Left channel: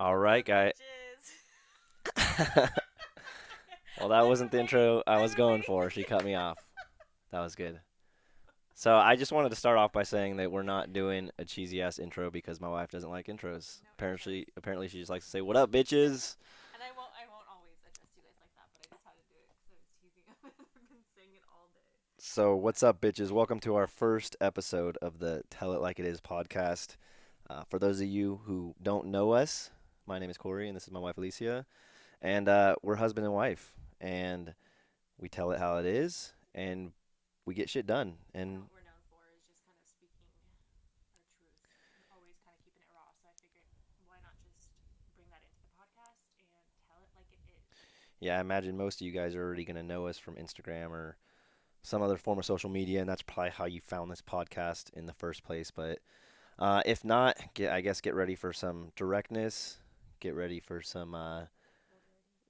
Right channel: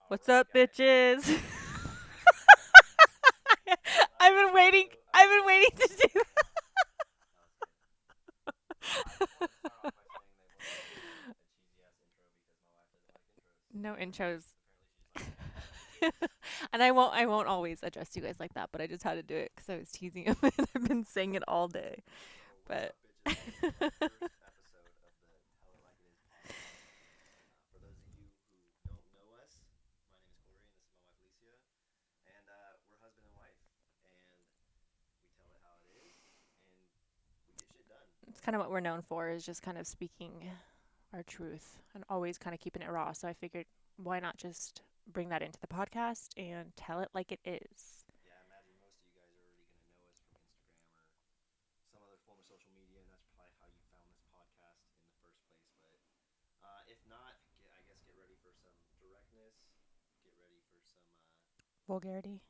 All What's right, up, guy. bitches? Well, that I've wasn't been the waiting. intro I I've was been going waiting for. to She do cut me off. That was good. So I just wanted to start off by saying that we're not doing a cheesy ass intro because my wife doesn't like intros. no intros. Apparently she just likes to say, "What up, bitches?" And I won't always address you guys like that, but I just had to do it because I was teasing him and I've been saying it all day. So what's But up, bitches? Welcome to our first episode of the Tell It Like It Is podcast. For those of you who don't know us, my name is Corey and this is my wife Alicia, and we're husband and wife, and we tell it how it is, and we get shit done. it's kind of And what we're known for is just kind of speaking our truth and always kind of keeping it raw. So I figured why not just bring that into the podcast and tell it like it is. yeah, I imagine most of you guys are already going to know us from Instagram or some other form of social media, and that's probably how you found this podcast in the first place. But if not, I guess get ready for some directness. Get ready for some, Vulgarity.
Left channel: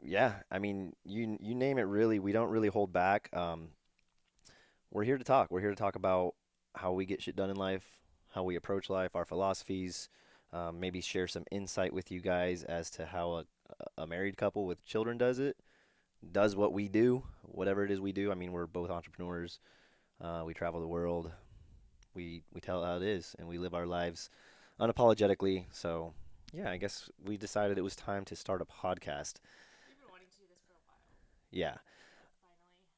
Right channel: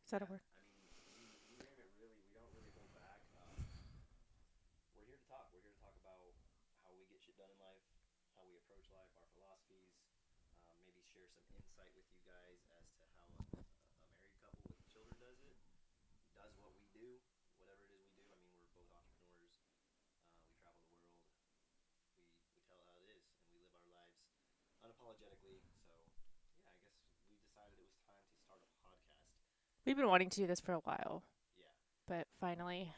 Is that yeah. I mean, you name it. Really, we don't really hold back. We're here to talk. We're here to talk about how we get shit done in life, how we approach life, our philosophies. Maybe share some insight with you guys as to how a married couple with children does what we do, whatever it is we do. I mean, we're both entrepreneurs. We travel the world. We tell it how it is, and we live our lives unapologetically. So, yeah, I guess we decided it was time to start a podcast. we've been wanting to do this for a while, Yeah, but finally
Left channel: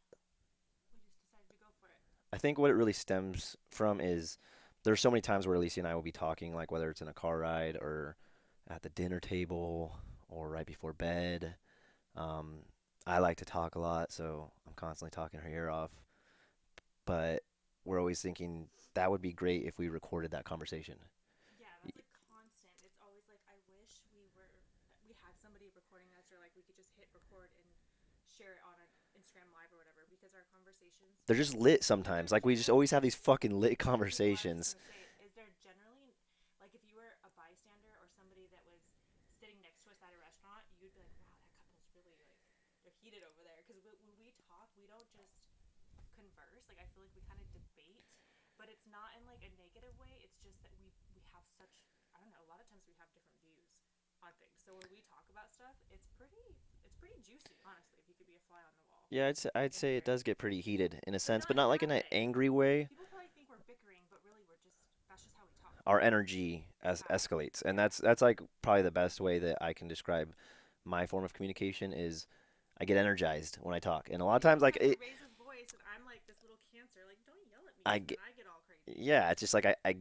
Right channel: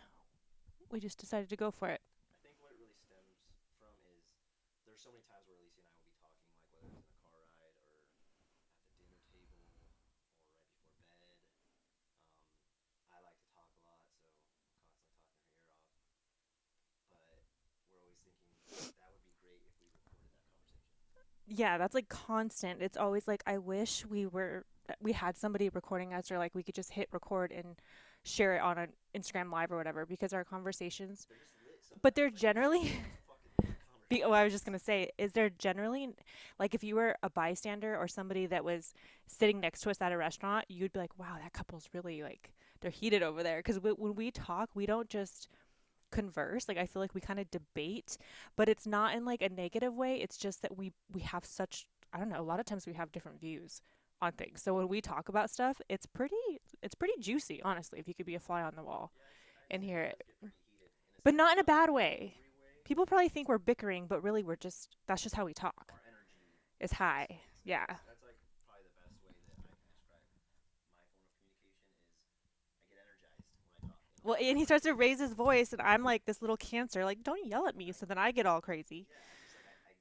we just decided to go for it. I think what it really stems from is there's so many times where Alicia and I will be talking, like whether it's in a car ride or at the dinner table or right before bed. Um, I like to talk a lot, so I'm constantly talking her ear off. But we're always thinking that would be great if we recorded that conversation. Yeah, that's like constant. It's always like I wish we had somebody recording us, or like we could just hit record and share it on an Instagram live or whatever, because our conversations, They're just lit but they're sometimes. Like we just generally always have these fucking lit oh, I was just conversations. going to say, is there generally, like, if you were a bystander or somebody that was sitting next to us at a restaurant, you'd be like, wow, that couple's really like, they're heated over there. Because when we talk, we don't just converse. Like, I feel like we kind of debate, but it's not in like a negative way. It's just that we have such, I don't know, a lot of times we have different views on things. So when we talk about stuff, it's pretty juicy, honestly, if you could be a fly on the wall Yeah, I'd and say hear it it. does get pretty heated in a But sense, not but in a not like in bad an way. angry way. People probably think we're bickering, but really we're just, that's just how we talk. Our energy Is high. escalates, and Yeah. that's like probably the best way that I can describe my form of communication is I get energized when I talk, and a Well, lot of and times he like starts to raise his voice, and I'm like this little cancer. Like, don't yell at me. I So get, then I get all crazy. yeah, it's just like I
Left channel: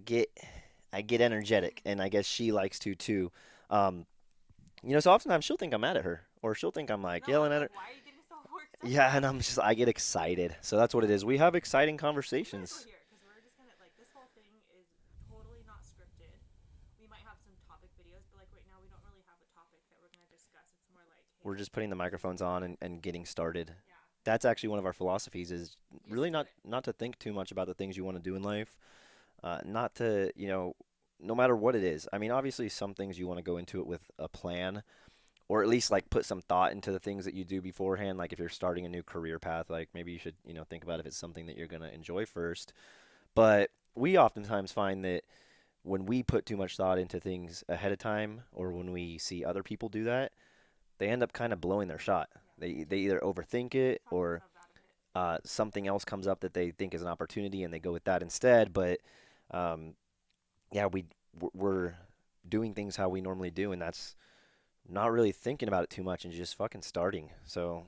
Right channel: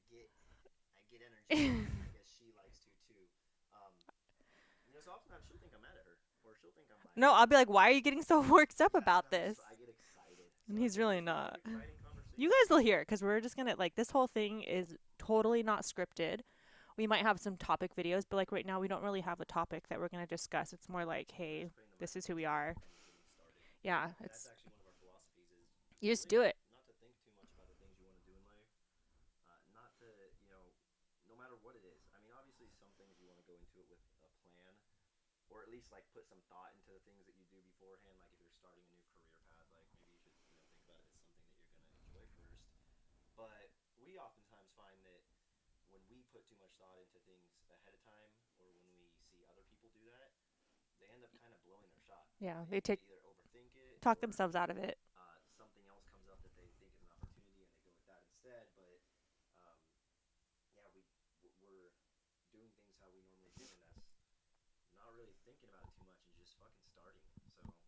get energetic, and I guess she likes to too. Um, so oftentimes she'll think I'm mad at her, or she'll think I'm like No, I'll yelling be at her. like, why are you getting so worked up Yeah, and about I'm this? just I get excited, so that's He's what it really is. We have not. exciting You guys will conversations. hear it because we're just gonna like this whole thing is totally not scripted. We might have some topic videos, but like right now we don't really have a topic that we're gonna discuss. It's more like, We're hey, just putting the this is who microphones we on are. and getting started. Yeah, That's it's actually one of our philosophies is you just really do it. not to think too much about the things you want to do in life. Not to, no matter what it is. I mean, obviously some things you want to go into it with a plan or at least like put some thought into the things that you do beforehand. Like if you're starting a new career path, like maybe you should, think about if it's something that you're going to enjoy first. But we oftentimes find that when we put too much thought into things ahead of time or when we see other people do that, they end up kind of blowing their shot. Yeah, they They take either overthink it talk or themselves out of it. something else comes up that they think is an opportunity and they go with that instead. But um, yeah, we're doing things how we normally do, and that's not really thinking about it too much and just fucking starting. So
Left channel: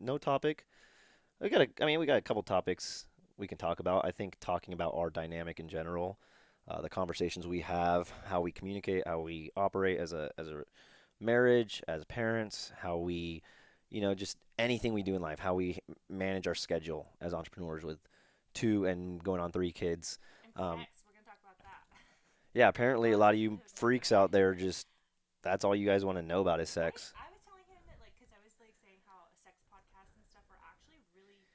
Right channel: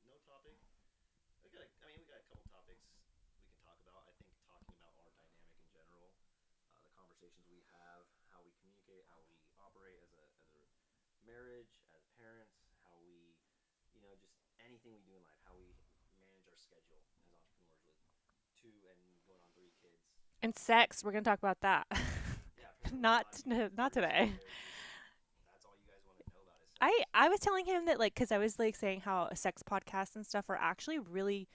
no topic. We got a couple topics we can talk about. I think talking about our dynamic in general, the conversations we have, how we communicate, how we operate as a marriage, as parents, how we, just anything we do in life, how we manage our schedule as entrepreneurs with two and going on three kids. And Um, sex, we're gonna talk about that. yeah, apparently a not lot of you not freaks today. out there just that's all you guys want to know about is I sex. I was telling him that like because I was like saying how sex podcasts and stuff are actually really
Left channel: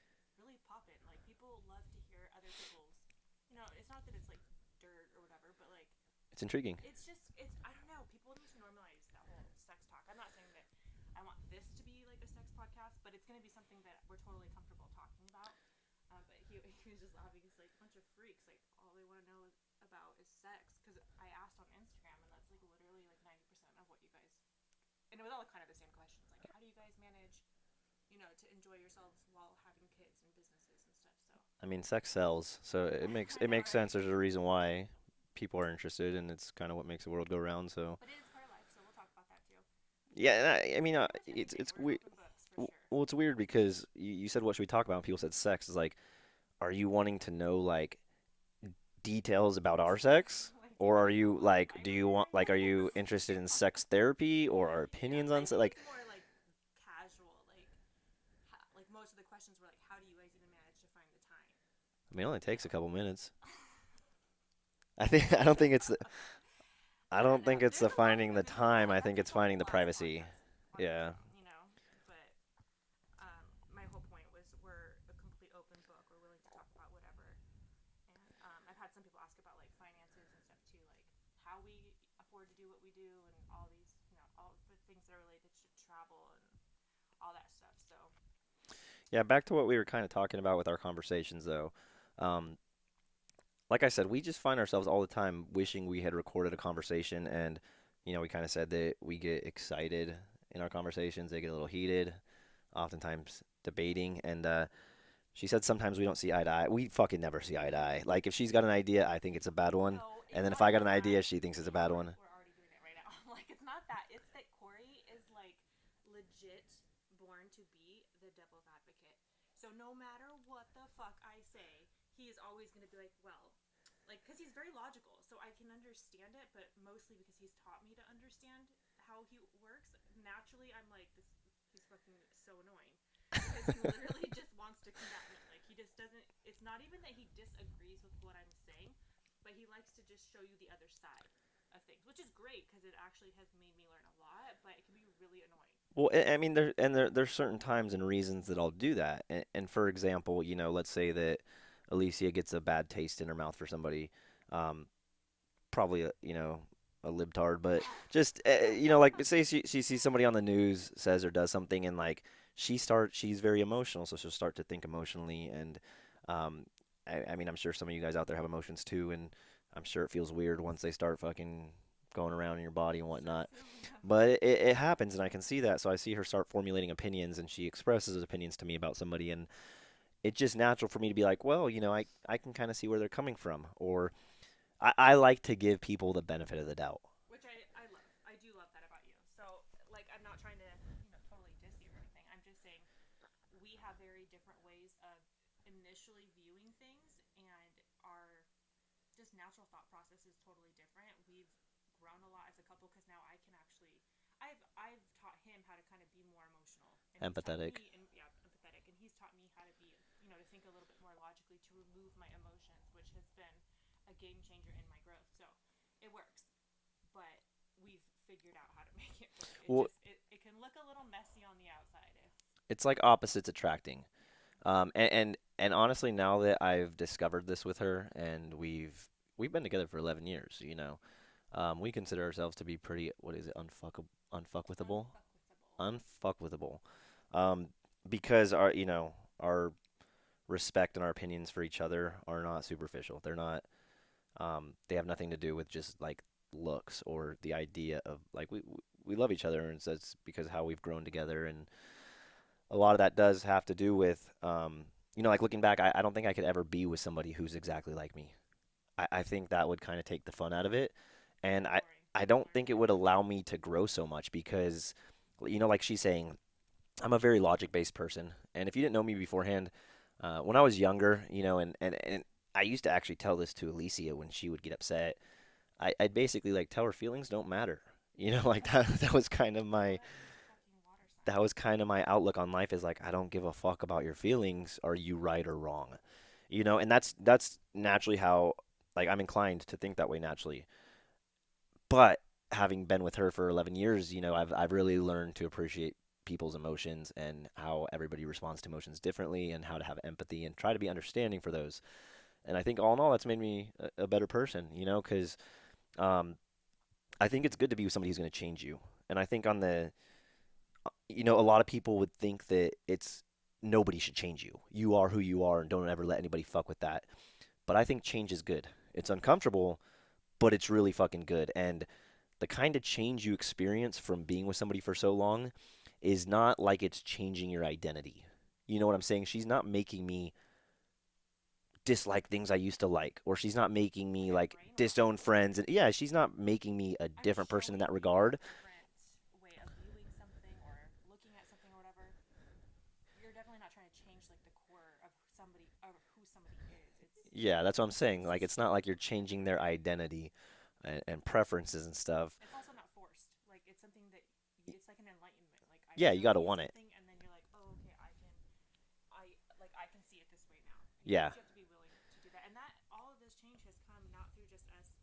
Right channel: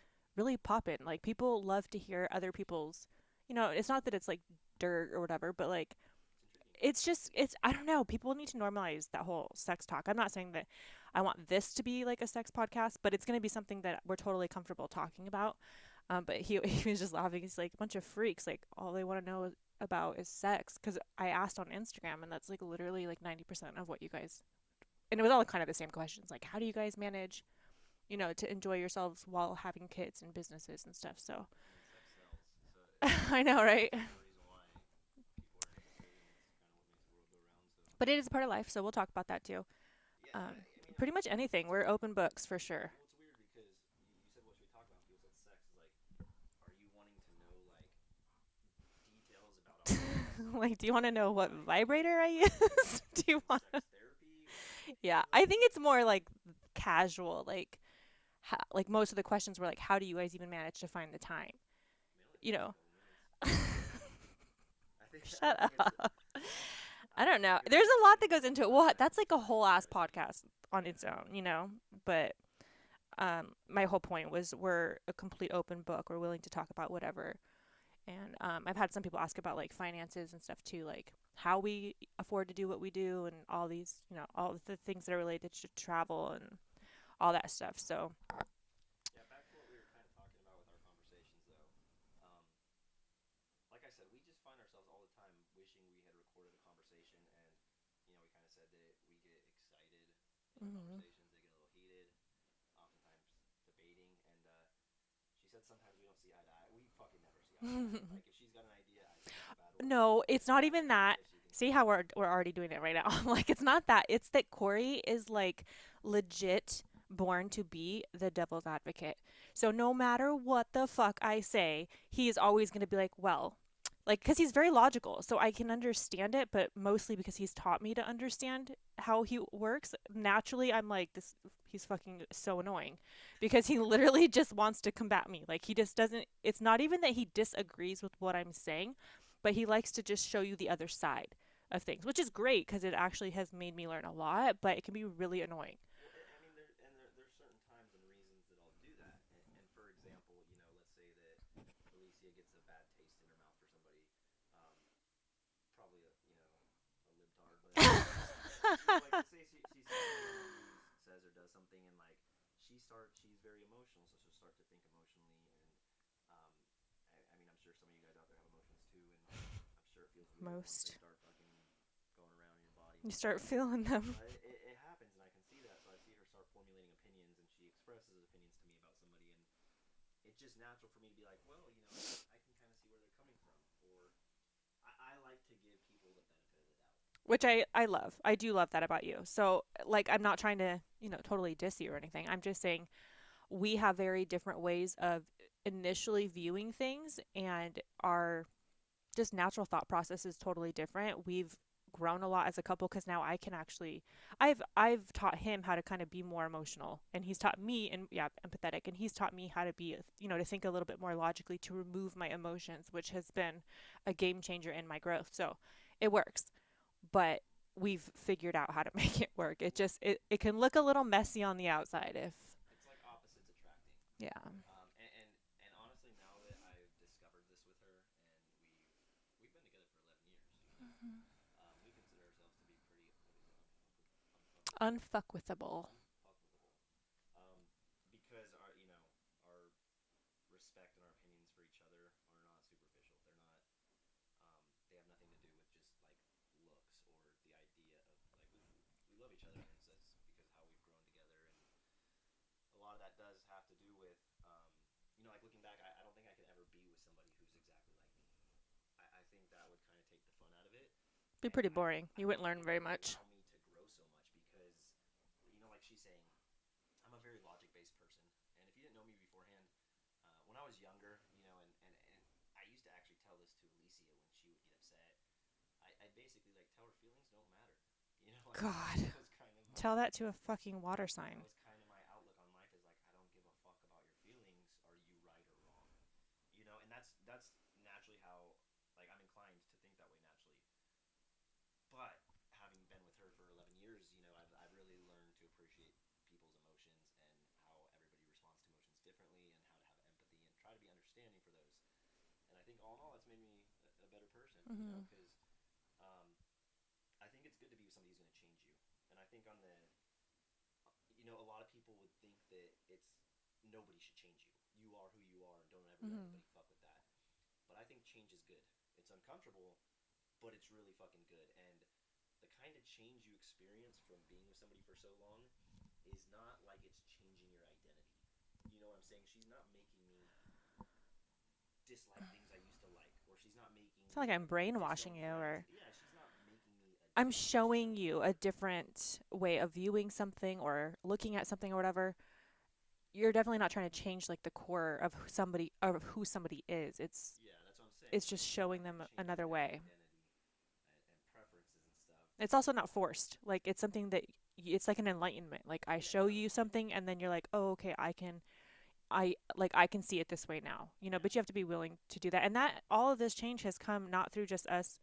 poppin'. Like people love to hear other people's. It's not that it's like dirt or whatever, but like It's intriguing. it's I don't know. People need to normalize that whole sex talk. I'm not saying that I want this to be like a sex podcast, but it's gonna be something that we're totally comfortable talking about. But he he was just laughing. He's like a bunch of freaks. Like all they want to know about is sex, because I asked on Instagram, and that's like literally like 90% of what you guys, and it was all kind of the same questions, like how do you guys manage, to enjoy yourselves while having kids and businesses and stuff. So I mean, sex sells, so it makes I it know, makes right? sense. There's a reason why people are interested, and it's kind of what makes the world go round. So But it is part of life, so we'll talk about that too. yeah, and Um, I mean, Pretty much it's anything. it's We're weird. open books for sure. Well, it's weird because you said what should we talk about? And people said sex. Is like, are you wanting to know like details about our sex? Like, do you Or want are to know you what like, do you vibrator I want like, are you use? Do interested you in want? sex therapy or our Yeah, opinions I on think like? it's more like casual. Like most of the questions were like, how do you guys even manage to find the time? I mean, it only You takes a know. couple minutes. I think I don't Shut think it's up. I I don't don't know. think it's There's the a lot that finding the goes into it. Well, time. I think that's it's like a finding the whole ass privacy. podcast on its Yeah. own. But my whole point was we're a complete open book. We're willing to talk about whatever. And I've had some people ask about like finances and stuff too, like how we afford to do what we do and all these, all the things that are related to travel and all that stuff. So, Yeah, back to what we were kind of talking about with our conversations though. Um, like I said, we just find ourselves all the time wishing we had recorded a conversation and we kind of said that we get excited in our hmm conversations, they get a little heated, oftentimes debating and she said sometimes we don't see eye to eye. We fucking never see eye to eye. Like if she's got an idea, I think it's a bad one. no, And it's then if not I got even an that. idea, she thinks it's See a how bad we're one. we're already doing it right now. Like it's not that. It's that Corey is like legit born to be the devil's advocate. So no matter what the fuck I say, he is always going to be like, well, like because he's very logical, so I can understand it, but mostly because he's taught me to understand how he works. Naturally, I'm like this. He's fucking so annoying because he literally just wants to combat me. Like he just doesn't. It's not even that he disagrees with what I'm saying, but he likes to just show you the other side of things, which is great because it actually has made me learn a lot. But it can be really annoying. Well, I mean, there's certain times and reasons that I'll do that. And for example, let's say that Alicia gets a bad taste in her mouth for somebody, um, probably a libtard, but just like say she sees somebody on the news says or does something, and like she's very emotional, so she'll start to think emotionally, and um, I mean, I'm sure some of you guys out there have emotions too, and I'm sure it feels weird once they Most start fucking going around in your body and you start whatnot. feeling them. But it happens, and I can see that. So I see her start formulating opinions, and she expresses opinions to me about somebody, and it's just natural for me to be like, well, I can kind of see where they're coming from, or I like to give people the benefit of the doubt. Which I love. I do love that about you. So, like, I'm not trying to, totally diss you or anything. I'm just saying we have very different ways of initially viewing things, and our just natural thought process is totally different. We've grown a lot as a couple because now I can actually I've taught him how to kind of be more emotional, and he's taught Empathetic. me, and yeah, empathetic, and he's taught me how to be, to think a little bit more logically, to remove my emotions, which has been a game changer in my growth. So it works, but we've figured out how to make it work. It Well, just it can look a little messy on the outside if it's like opposites attracting. yeah. And honestly, now that I've discovered this with her, and we've been together for 11 years, we consider ourselves to be pretty, what is it, unfuckwithable, Unfuckwithable. unfuckwithable, um, because our respect and our opinions for each other are not superficial. They're not. They have nothing to do with just like looks or the idea of like we love each other, and that's because how we've grown together, and a lot of that does have to do with like looking back, I don't think I could ever be with somebody who's exactly like me. I think that would kind of take the fun out of it, Be and pretty boring. I You wouldn't don't learn think it very would much. allow me to grow so much because like she's saying, I'm a very logic based person, and if you didn't know me beforehand, when I was younger, and I used to actually tell this to Alicia when she would get upset. I'd basically like tell her feelings don't matter. Like that God, that was kind of tell my that to a fucking water sign. that was kind of my outlook on life is like I don't give a fuck about your feelings. Are you right or wrong? And that's naturally how like I'm inclined to think that way naturally. But having been with her for 11 years, I've really learned to appreciate people's emotions and how everybody responds to emotions differently and how to have empathy and try to be understanding for those. And I think all in all, that's made me a better person, Mm-hmm. because um, I think it's good to be with somebody who's going to change you. And I think a lot of people would think that it's nobody should change you. You are who you are, and don't ever let Mm-hmm. anybody fuck with that. But I think change is good. It's uncomfortable, but it's really fucking good. And the kind of change you experience from being with somebody for so long is not like it's changing your identity. You know what I'm saying? She's not making me dislike things I used to like, or she's not making It's not me like I'm like disown brainwashing you, friends. or And yeah, she's not making me a I'm different person in that showing you a regard. different way of viewing something or looking at something or whatever. You're definitely not trying to change like the core of who somebody is. Yeah, that's what I'm saying. It's Like, just it's not showing like you're them changing another their way. identity and preferences and stuff. It's also not forced. Like it's something that it's like an enlightenment. Like I Yeah, you show gotta you want it. something and then you're like, "Oh, okay, I can see it this way now." You know, Yeah, but you have to be willing to do that. And that all of this change has come not through just us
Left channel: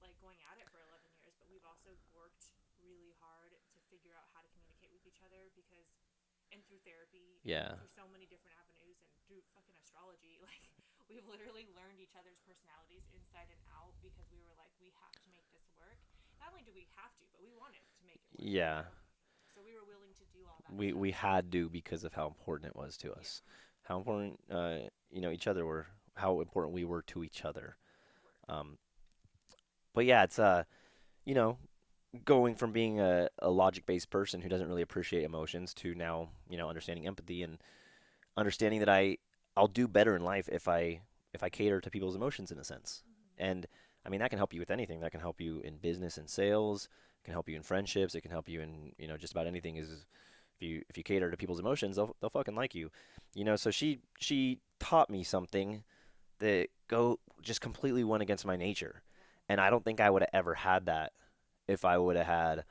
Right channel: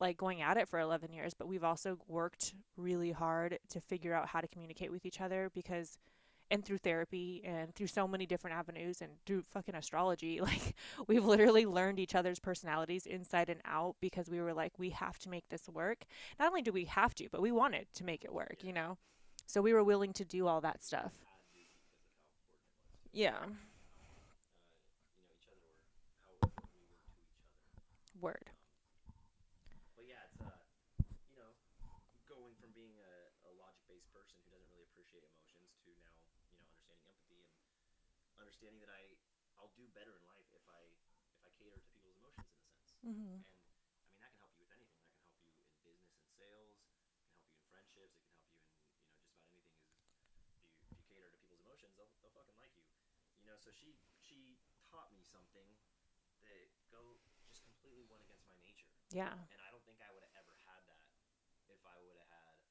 like going at it for 11 years, but we've also worked really hard to figure out how to communicate with each other because and through therapy and yeah, through so many different avenues and through fucking astrology like we've literally learned each other's personalities inside and out because we were like we have to make this work. Not only do we have to, but we wanted to make it work, you yeah. know, so we were willing to do all that We stuff. had to because of how important it was to Yeah. us, how important each other were, how important we were to each other. Word. Um, but yeah, it's you know, going from being a logic-based person who doesn't really appreciate emotions to now, understanding empathy and understanding that I'll do better in life if I cater to people's emotions in a sense. Mm-hmm. And I mean that can help you with anything. That can help you in business and sales. It can help you in friendships. It can help you in just about anything. Is if you cater to people's emotions, they'll fucking like you. So she taught me something that go just completely went against my nature, Yeah. and I don't think I would have ever had that if I would have had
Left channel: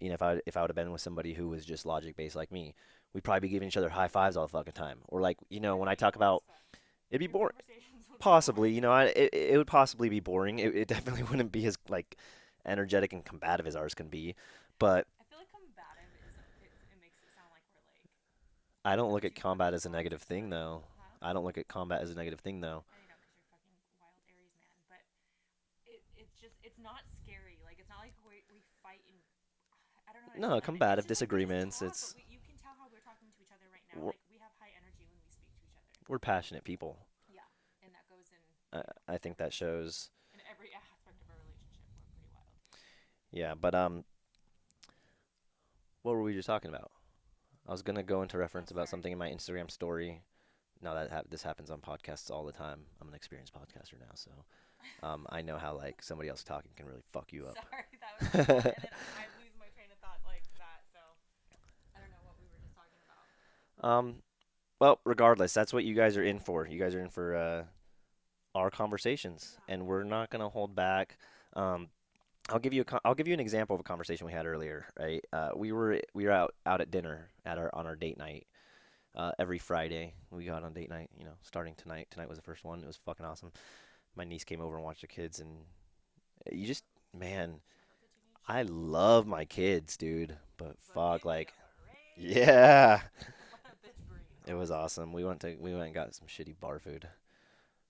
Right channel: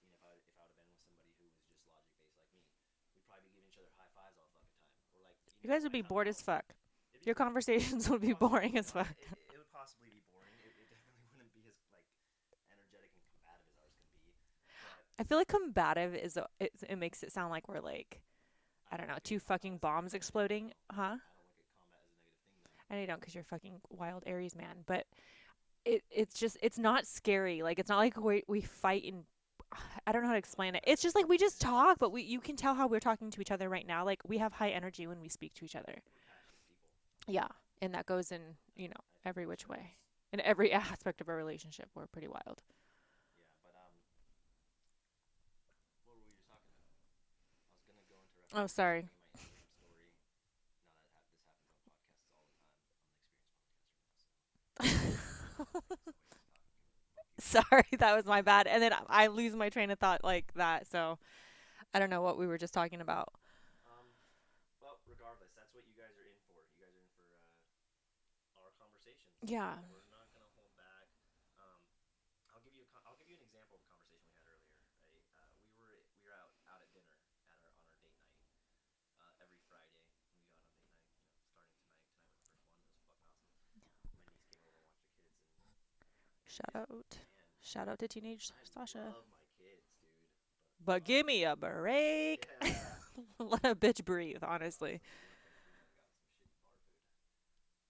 if I would have been with somebody who was just logic based like me. We'd probably be giving each other high fives all the fucking time, or like You guys when would I be talk bored as about fuck. it'd be Your boring. conversations would be Possibly, boring as fuck. it would possibly be boring. It definitely wouldn't be as like energetic and combative as ours can be, but I feel like combative it makes it sound like we're like I I don't don't know, look at two combat fucking as a bombs negative thing exploding, though. huh? I don't look at combat as a negative thing though. And I don't because you're fucking wild Aries man. But it's just it's not scary. Like it's not like we fight and I don't know how to No, explain it. It's combative just like we just disagreements. talk, but It's we you can tell how we're talking to each other right now. we're, Like we have high energy when we speak to each other. we're passionate people. Yeah, and that goes in I think every that which way. shows. In every aspect of our relationship, we're pretty wild. Yeah, but what were we just talking about? I was gonna go into Oh, reference about sorry. something in my Instagram story. Now that this happens on podcasts all the time. I'm an experienced podcaster now, so I know how like somebody else talking can really fuck you Sorry, that was my bad. up. And then I lose my train of thought like that. So I don't know what we were just talking about. um, well, regardless, that's what you guys are in for. You guys are in for our conversations, Yeah. and we're not gonna hold back. Um, I'll give you an example of a conversation we had earlier. Right, we were out at dinner at our on our date night. Every Friday we go out on date night. Starting tonight. Tonight was the first one. It was fucking awesome. My niece came over and watched the kids, and you Shout just out. man, Shout out to teenage I slash young. love my kids, dude. But But fuck, give me like, a break. yeah, Let a bitch breathe, it was honestly. awesome. We went and got some shitty bar food,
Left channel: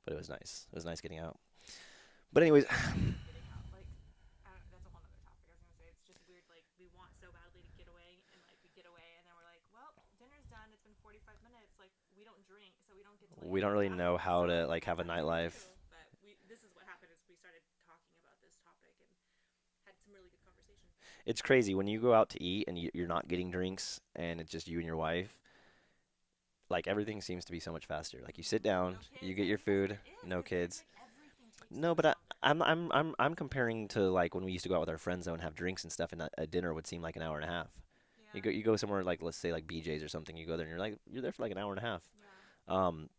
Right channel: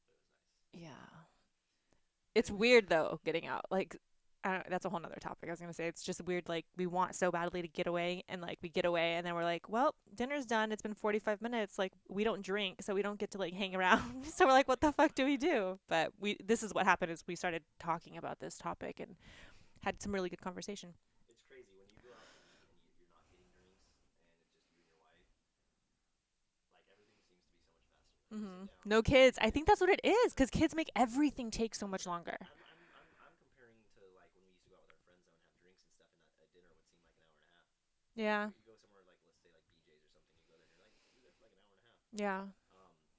but it was nice. It was nice getting Yeah. out. But It's anyways, weird though, getting out. Like I don't, that's a whole nother topic. I was gonna say it's just weird. Like we want so badly to get away, and like we get away, and then we're like, well, dinner's done. It's been 45 minutes. Like we don't drink, so we don't get to like we don't hang really around. know how So we're to like, what like the have a fuck do we nightlife. do? But we this is what happened is we started talking about this topic and had some really good conversation. It's crazy when you go out to eat and you're not getting drinks and it's just you and your wife. Like everything seems to be so much faster. Like you sit down, No you kids. get I your think that's what food, it is no because kids kids. make everything take so No, much but longer. I'm comparing to like when we used to go out with our friends though and have drinks and stuff, and a dinner would seem like an hour and a half. You Yeah. go you go somewhere like let's say like BJ's or something. You go there and you're there for like an hour and a half. Yeah. Um,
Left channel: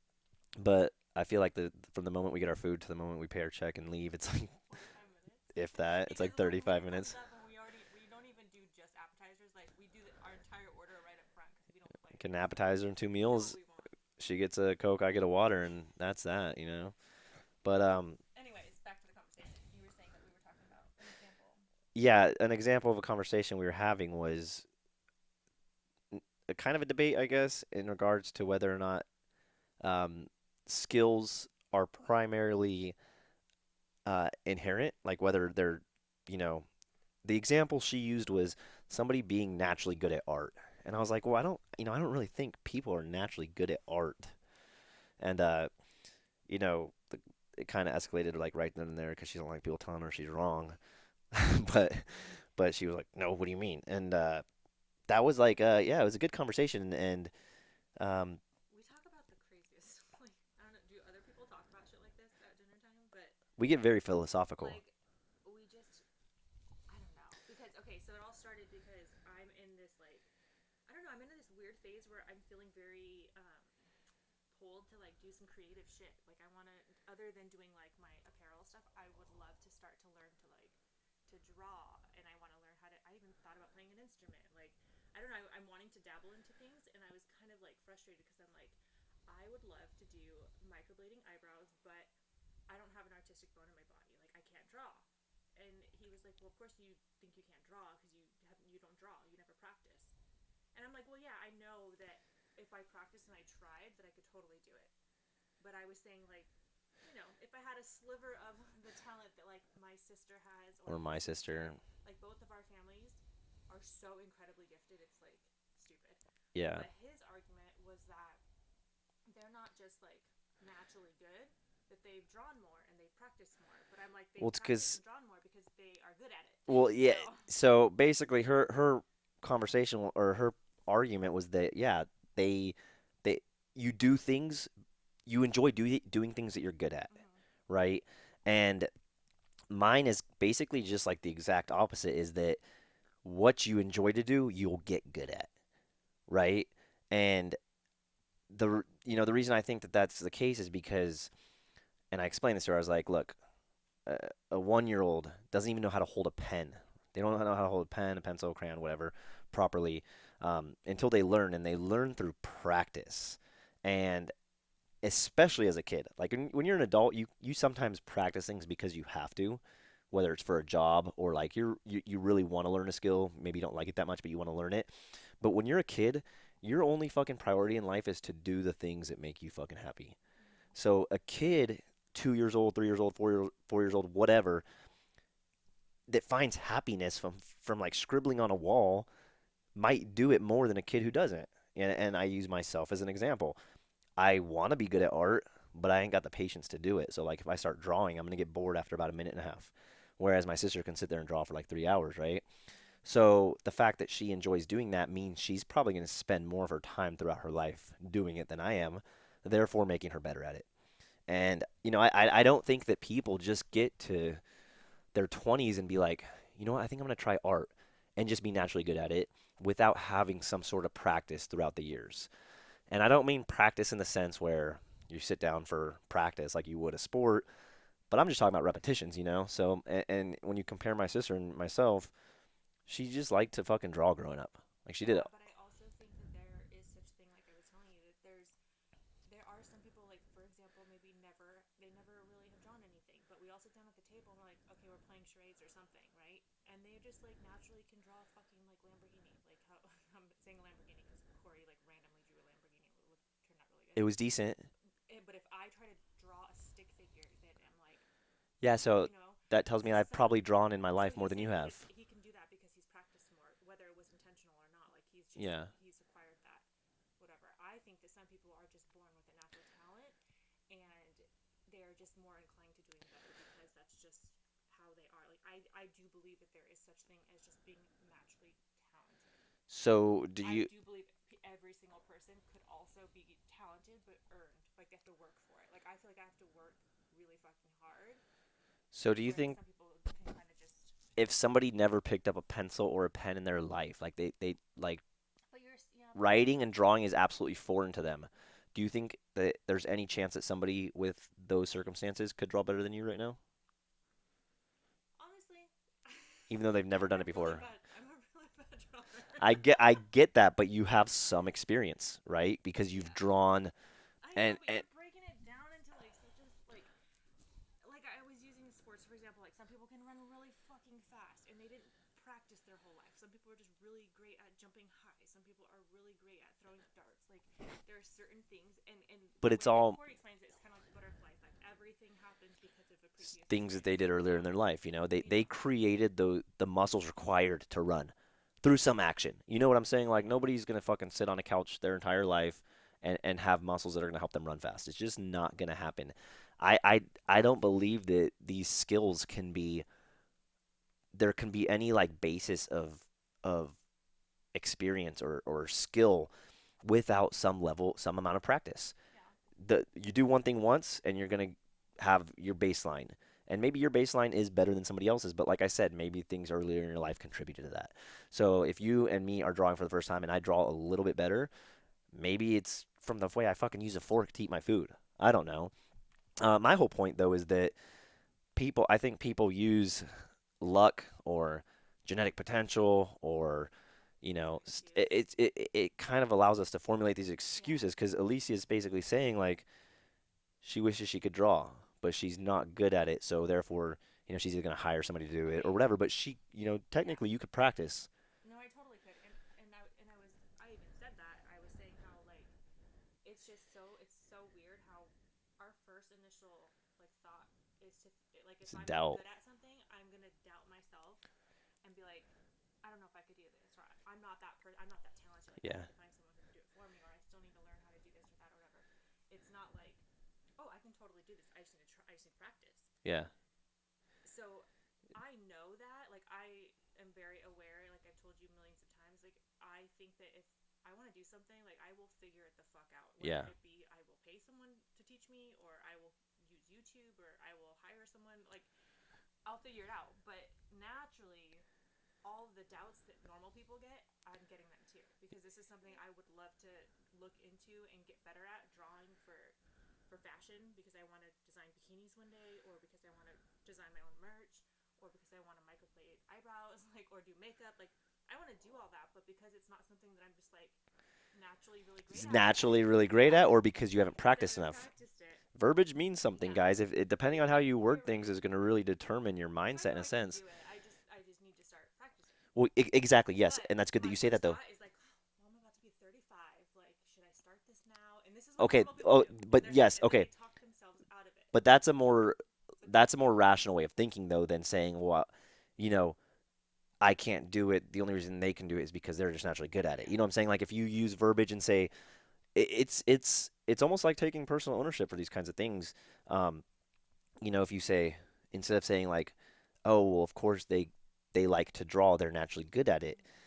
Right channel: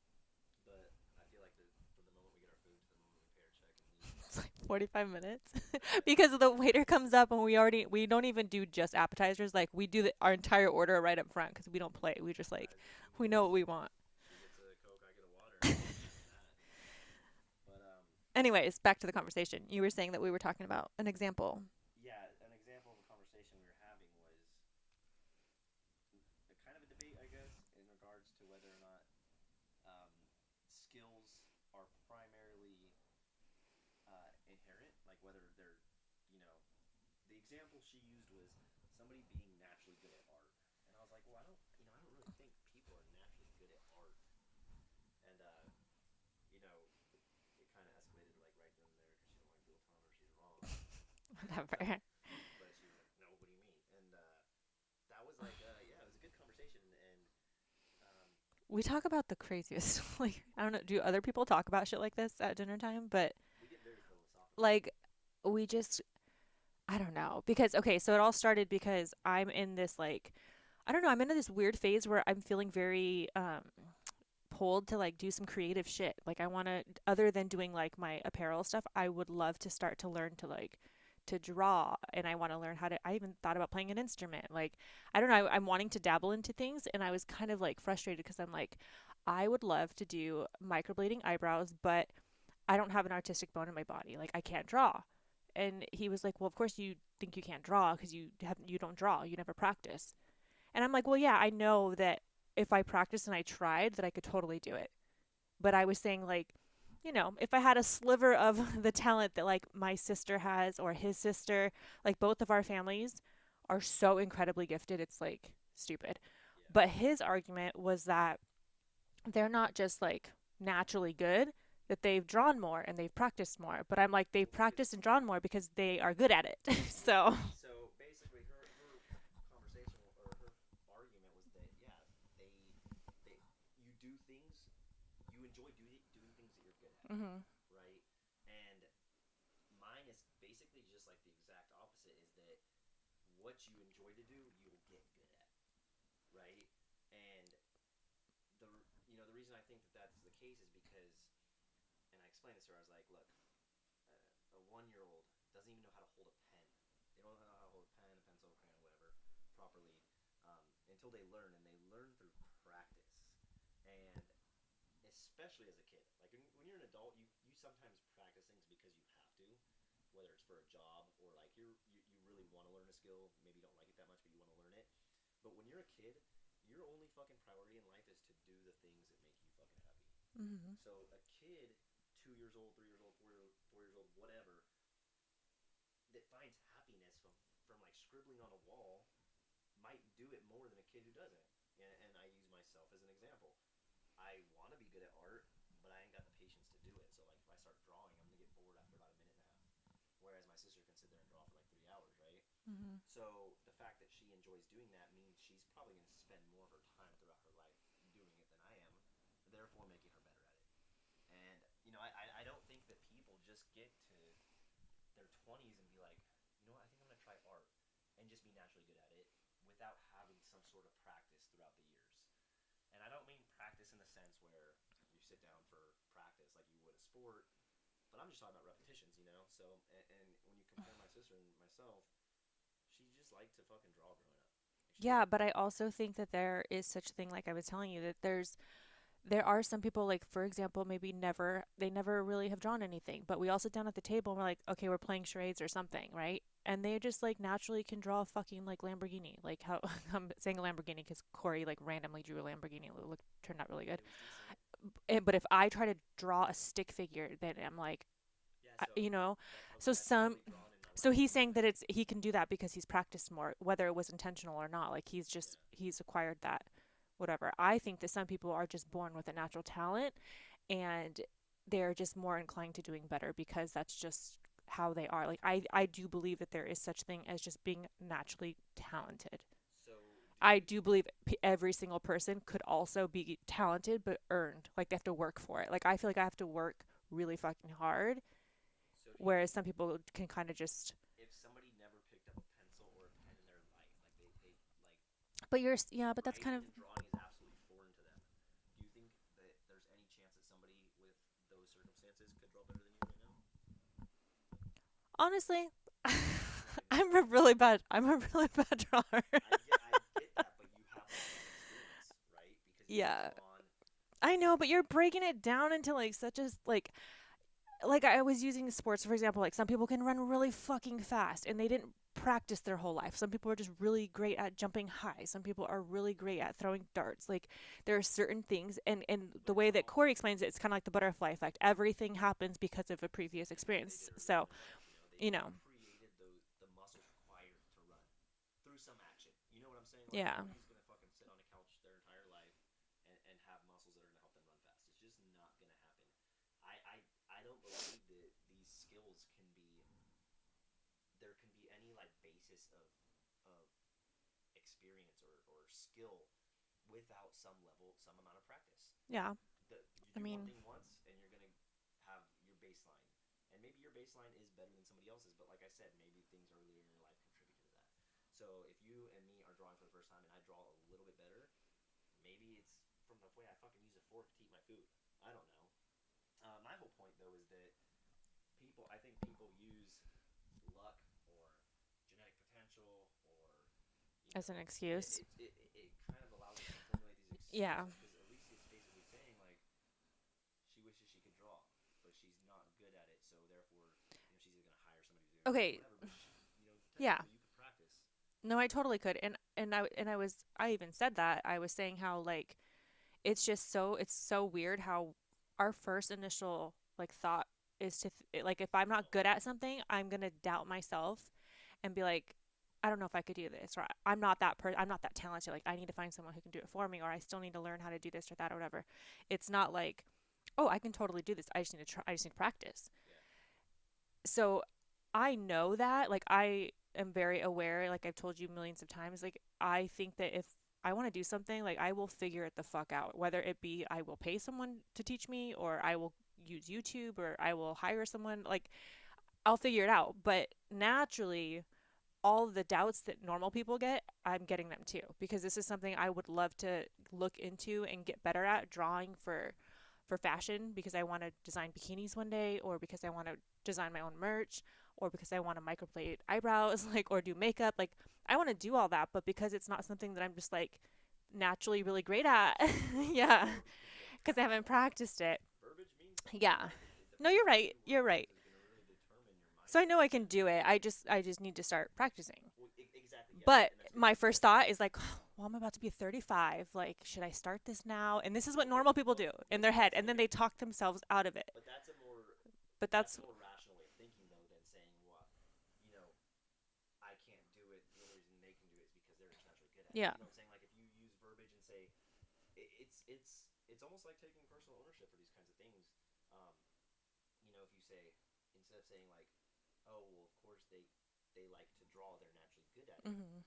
but I feel like from the moment we get our food to the moment we pay our check and leave, it's like 45 minutes. if that, it's Because like the waiter 35 comes minutes. up and we don't even do just appetizers. Like we do our entire order right up front because we don't play. Get We an just like appetizer and two we know what meals. we want. She gets a Coke, I get a water, and that's that. But Anyways, back to the conversation. You were saying that we were talking about an example. yeah, an example of a conversation we were having was a kind of a debate, I guess, in regards to whether or not um, skills are primarily inherent, like whether they're, you know, the example she used was somebody being naturally good at art. And I was like, well, I don't really think people are naturally good at art. And, you know, it kind of escalated like right then and there because she don't like people telling her she's wrong. but Okay. but she was like, no, what do you mean? And that was like yeah, it was a good conversation. And um, We talk about the craziest. Like, I don't know. Do other people talk about shit like this at dinner time? But we get very philosophical. like, we just, I don't know. Because, okay, so it all started because I'm in this, like, I don't know. I'm into this weird phase where I'm feeling very pulled to like do some creative shit. Like, I want to, other than doing like my apparel stuff, I would love to start to learn to like to draw, and I want to learn how to, I even thought about playing an instrument. Like, I don't know, I'm wanting to dabble into things, and I was kind of like frustrated because I'm like, I would love to do microblading eyebrows, but I don't have an artistic bone in my body. Like, I can't draw. And he was like, "Well, of course you think you can't draw because you don't draw. You never practice." And I'm like, "Well, yeah, I know that if I practiced and I tried, that I could totally do it." But I was saying, like, if I had a sliver of the talent that like my sister has or Or his my sister, sister. like both of our families are so incredibly gifted, it's like stupid. Yeah. But his argument was that they're not just like naturally good, that they've drawn more and they've practiced more. But I'm like, Well, they've it's practiced and because drawn more because they are good at it. well, yeah. So, So basically, her conversation or her argument was that yeah, they they you do things you enjoy doing things that you're good at, mm-hmm. right? And mine is basically just like the exact opposite. Is that what you enjoy to do, you'll get good at, right? And the reason I think that that's the case is because, and I explained this to her. I was like, look, a 1 year old doesn't even know how to hold a pen. They don't know how to hold a pen, a pencil, a crayon, whatever, properly until they learn, and they learn through practice. And especially as a kid, like when you're an adult, you sometimes practice things because you have to, whether it's for a job or like you really want to learn a skill. Maybe you don't like it that much, but you want to learn it. But when you're a kid, your only fucking priority in life is to do the things that make you fucking happy. Mm-hmm. So a kid, 2 years old, 3 years old, 4 years old, whatever, that finds happiness from like scribbling on a wall might do it more than a kid who doesn't. And I use myself as an example. I want to be good at art, but I ain't got the patience to do it. So like if I start drawing, I'm gonna get bored after about a minute and a half. Whereas my sister can sit there and draw for like 3 hours, right? Mm-hmm. So the fact that she enjoys doing that means she's probably gonna spend more of her time throughout her life doing it than I am, therefore making her better at it. And I don't think that people just get to their 20s and be like, you know what, I think I'm gonna try art and just be naturally good at it without having some sort of practice throughout the years. And I don't mean practice in the sense where you sit down for practice like you would a sport, but I'm just talking about repetitions. So, and when you compare my sister and myself, she just liked to fucking draw growing up. Like she did. Yeah, but I also think that there is such a thing, like I was telling you, that there are some people, like, for example, maybe they never really have drawn anything, but we all sit down at the table and we're like, okay, we're playing charades or something, right? And they just like naturally can draw a fucking like Lamborghini. Like how I'm saying a Lamborghini because Corey like randomly drew a Lamborghini. It turned out really good. It was decent. But if I try to draw a stick figure, then I'm like, Yeah, so you know, that tells me so I've some probably drawn in my so life more he's than you saying that have. it's he can do that because he's practiced more, whether it was intentional or not. Like Yeah. he's acquired that, whatever. I think that some people are just born with a natural talent, and they're just more inclined to doing better because that's just how they are. Like I do believe that there is such thing as just being naturally talented. So do I you do believe every single person could also be talented but earned. Like they have to work for it. Like I feel like I have to work really fucking hard, so do you whereas think some people can kind of just. if somebody never picked up a pencil or a pen in their life, like they like But yeah, but that's kind writing of and drawing is absolutely foreign to them. Do you think that there's any chance that somebody with those circumstances could draw better than you right now, honestly. even though they've never done it before? I'm a really bad drawer. I get that, but you have some experience, right? Because you've Yeah. drawn I know, and, but and you're breaking it down into like such as like I was using sports for example, like some people can run really fucking fast and they didn't practice their whole life. Some people are just really great at jumping high. Some people are really great at throwing darts. Like there are certain things, and but the it's way that all Corey explains it, it's kind of like the butterfly effect. Everything happens because of a previous things that they experience. did earlier in So, their life. They you they know, created the muscles required to run through some action. You know what I'm saying? Like yeah. nobody's gonna fucking sit on a couch their entire life and have muscles that are gonna help them run fast. It's just not gonna happen. I, I I don't believe that these skills can be there can be any like basis of experience or skill without some amount of practice. Yeah. You do one Mm-hmm. thing once and you're gonna have your baseline. And maybe your baseline is better than somebody else's, but like I said, maybe things earlier in your life contributed to that. So if you and me are drawing for the first time and I draw a little bit better, maybe it's from the way I fucking use a fork to eat my food. I don't know. My whole point though is that I think people use luck or genetic potential or As an excuse. it kind of allows us to formulate these Yeah. excuses because Alicia is basically saying like she wishes she could draw, but she's not good at it, so therefore, she's either gonna hire somebody to do it or Okay. whatever. But Yeah. technically, you could practice. No, I totally could. And I even said that. I was saying how like it's so weird how our first initial like thought is to like if It's I'm not doubt. good at something, I'm going to doubt myself and be like I don't know if I could do this, or I'm not that I'm not that talented. Like I Yeah, need to find someone who can do it for me, or I still need to learn how to do this or that or whatever. It's not like, oh, I can totally do this. I just need to try. I just need to practice. yeah, So I know that. Like I am very aware. Like I've told you millions of times. Like I think that if I want to do something, like I will figure it the fuck out. Whether yeah. it be I will pay someone to teach me, or I will use YouTube, or I will hire someone. Like I'll figure it out. But naturally, all the doubts that normal people get, I'm getting them too. Because this is something I would love to look into and get better at drawing for fashion because I want to design bikinis one day, or because I want to design my own merch, or because I want to microblade eyebrows, like, or do makeup. Like, I want to do all that, but because it's not something that I'm just like naturally really great It's at, naturally really great yeah, at, or because you haven't because I practiced haven't enough. practiced it. Verbiage means something, Yeah. guys. If it, No, depending you're on how right. you word You're right. things is going to really determine your So I mindset in know a I can sense. do it. I just need to start practicing. Well, exactly, yes, But and that's good that my you say first that though. thought is like, well, I'm about to be 35. Like, should I start this now? And this is what Okay, normal people oh, do in but their head, yes, and then okay, they talk themselves out of it. but But that's a that's more rational way of thinking though than saying, well, you know, I can't do it. The only reason they can do it is because they're just naturally good at it. yeah. You know what I'm saying? Like if you use verbiage and say it's almost like taking personal ownership for these kinds of things. Um, if you say instead of saying like, oh well, of course they like to draw, they're naturally good at it. Hmm.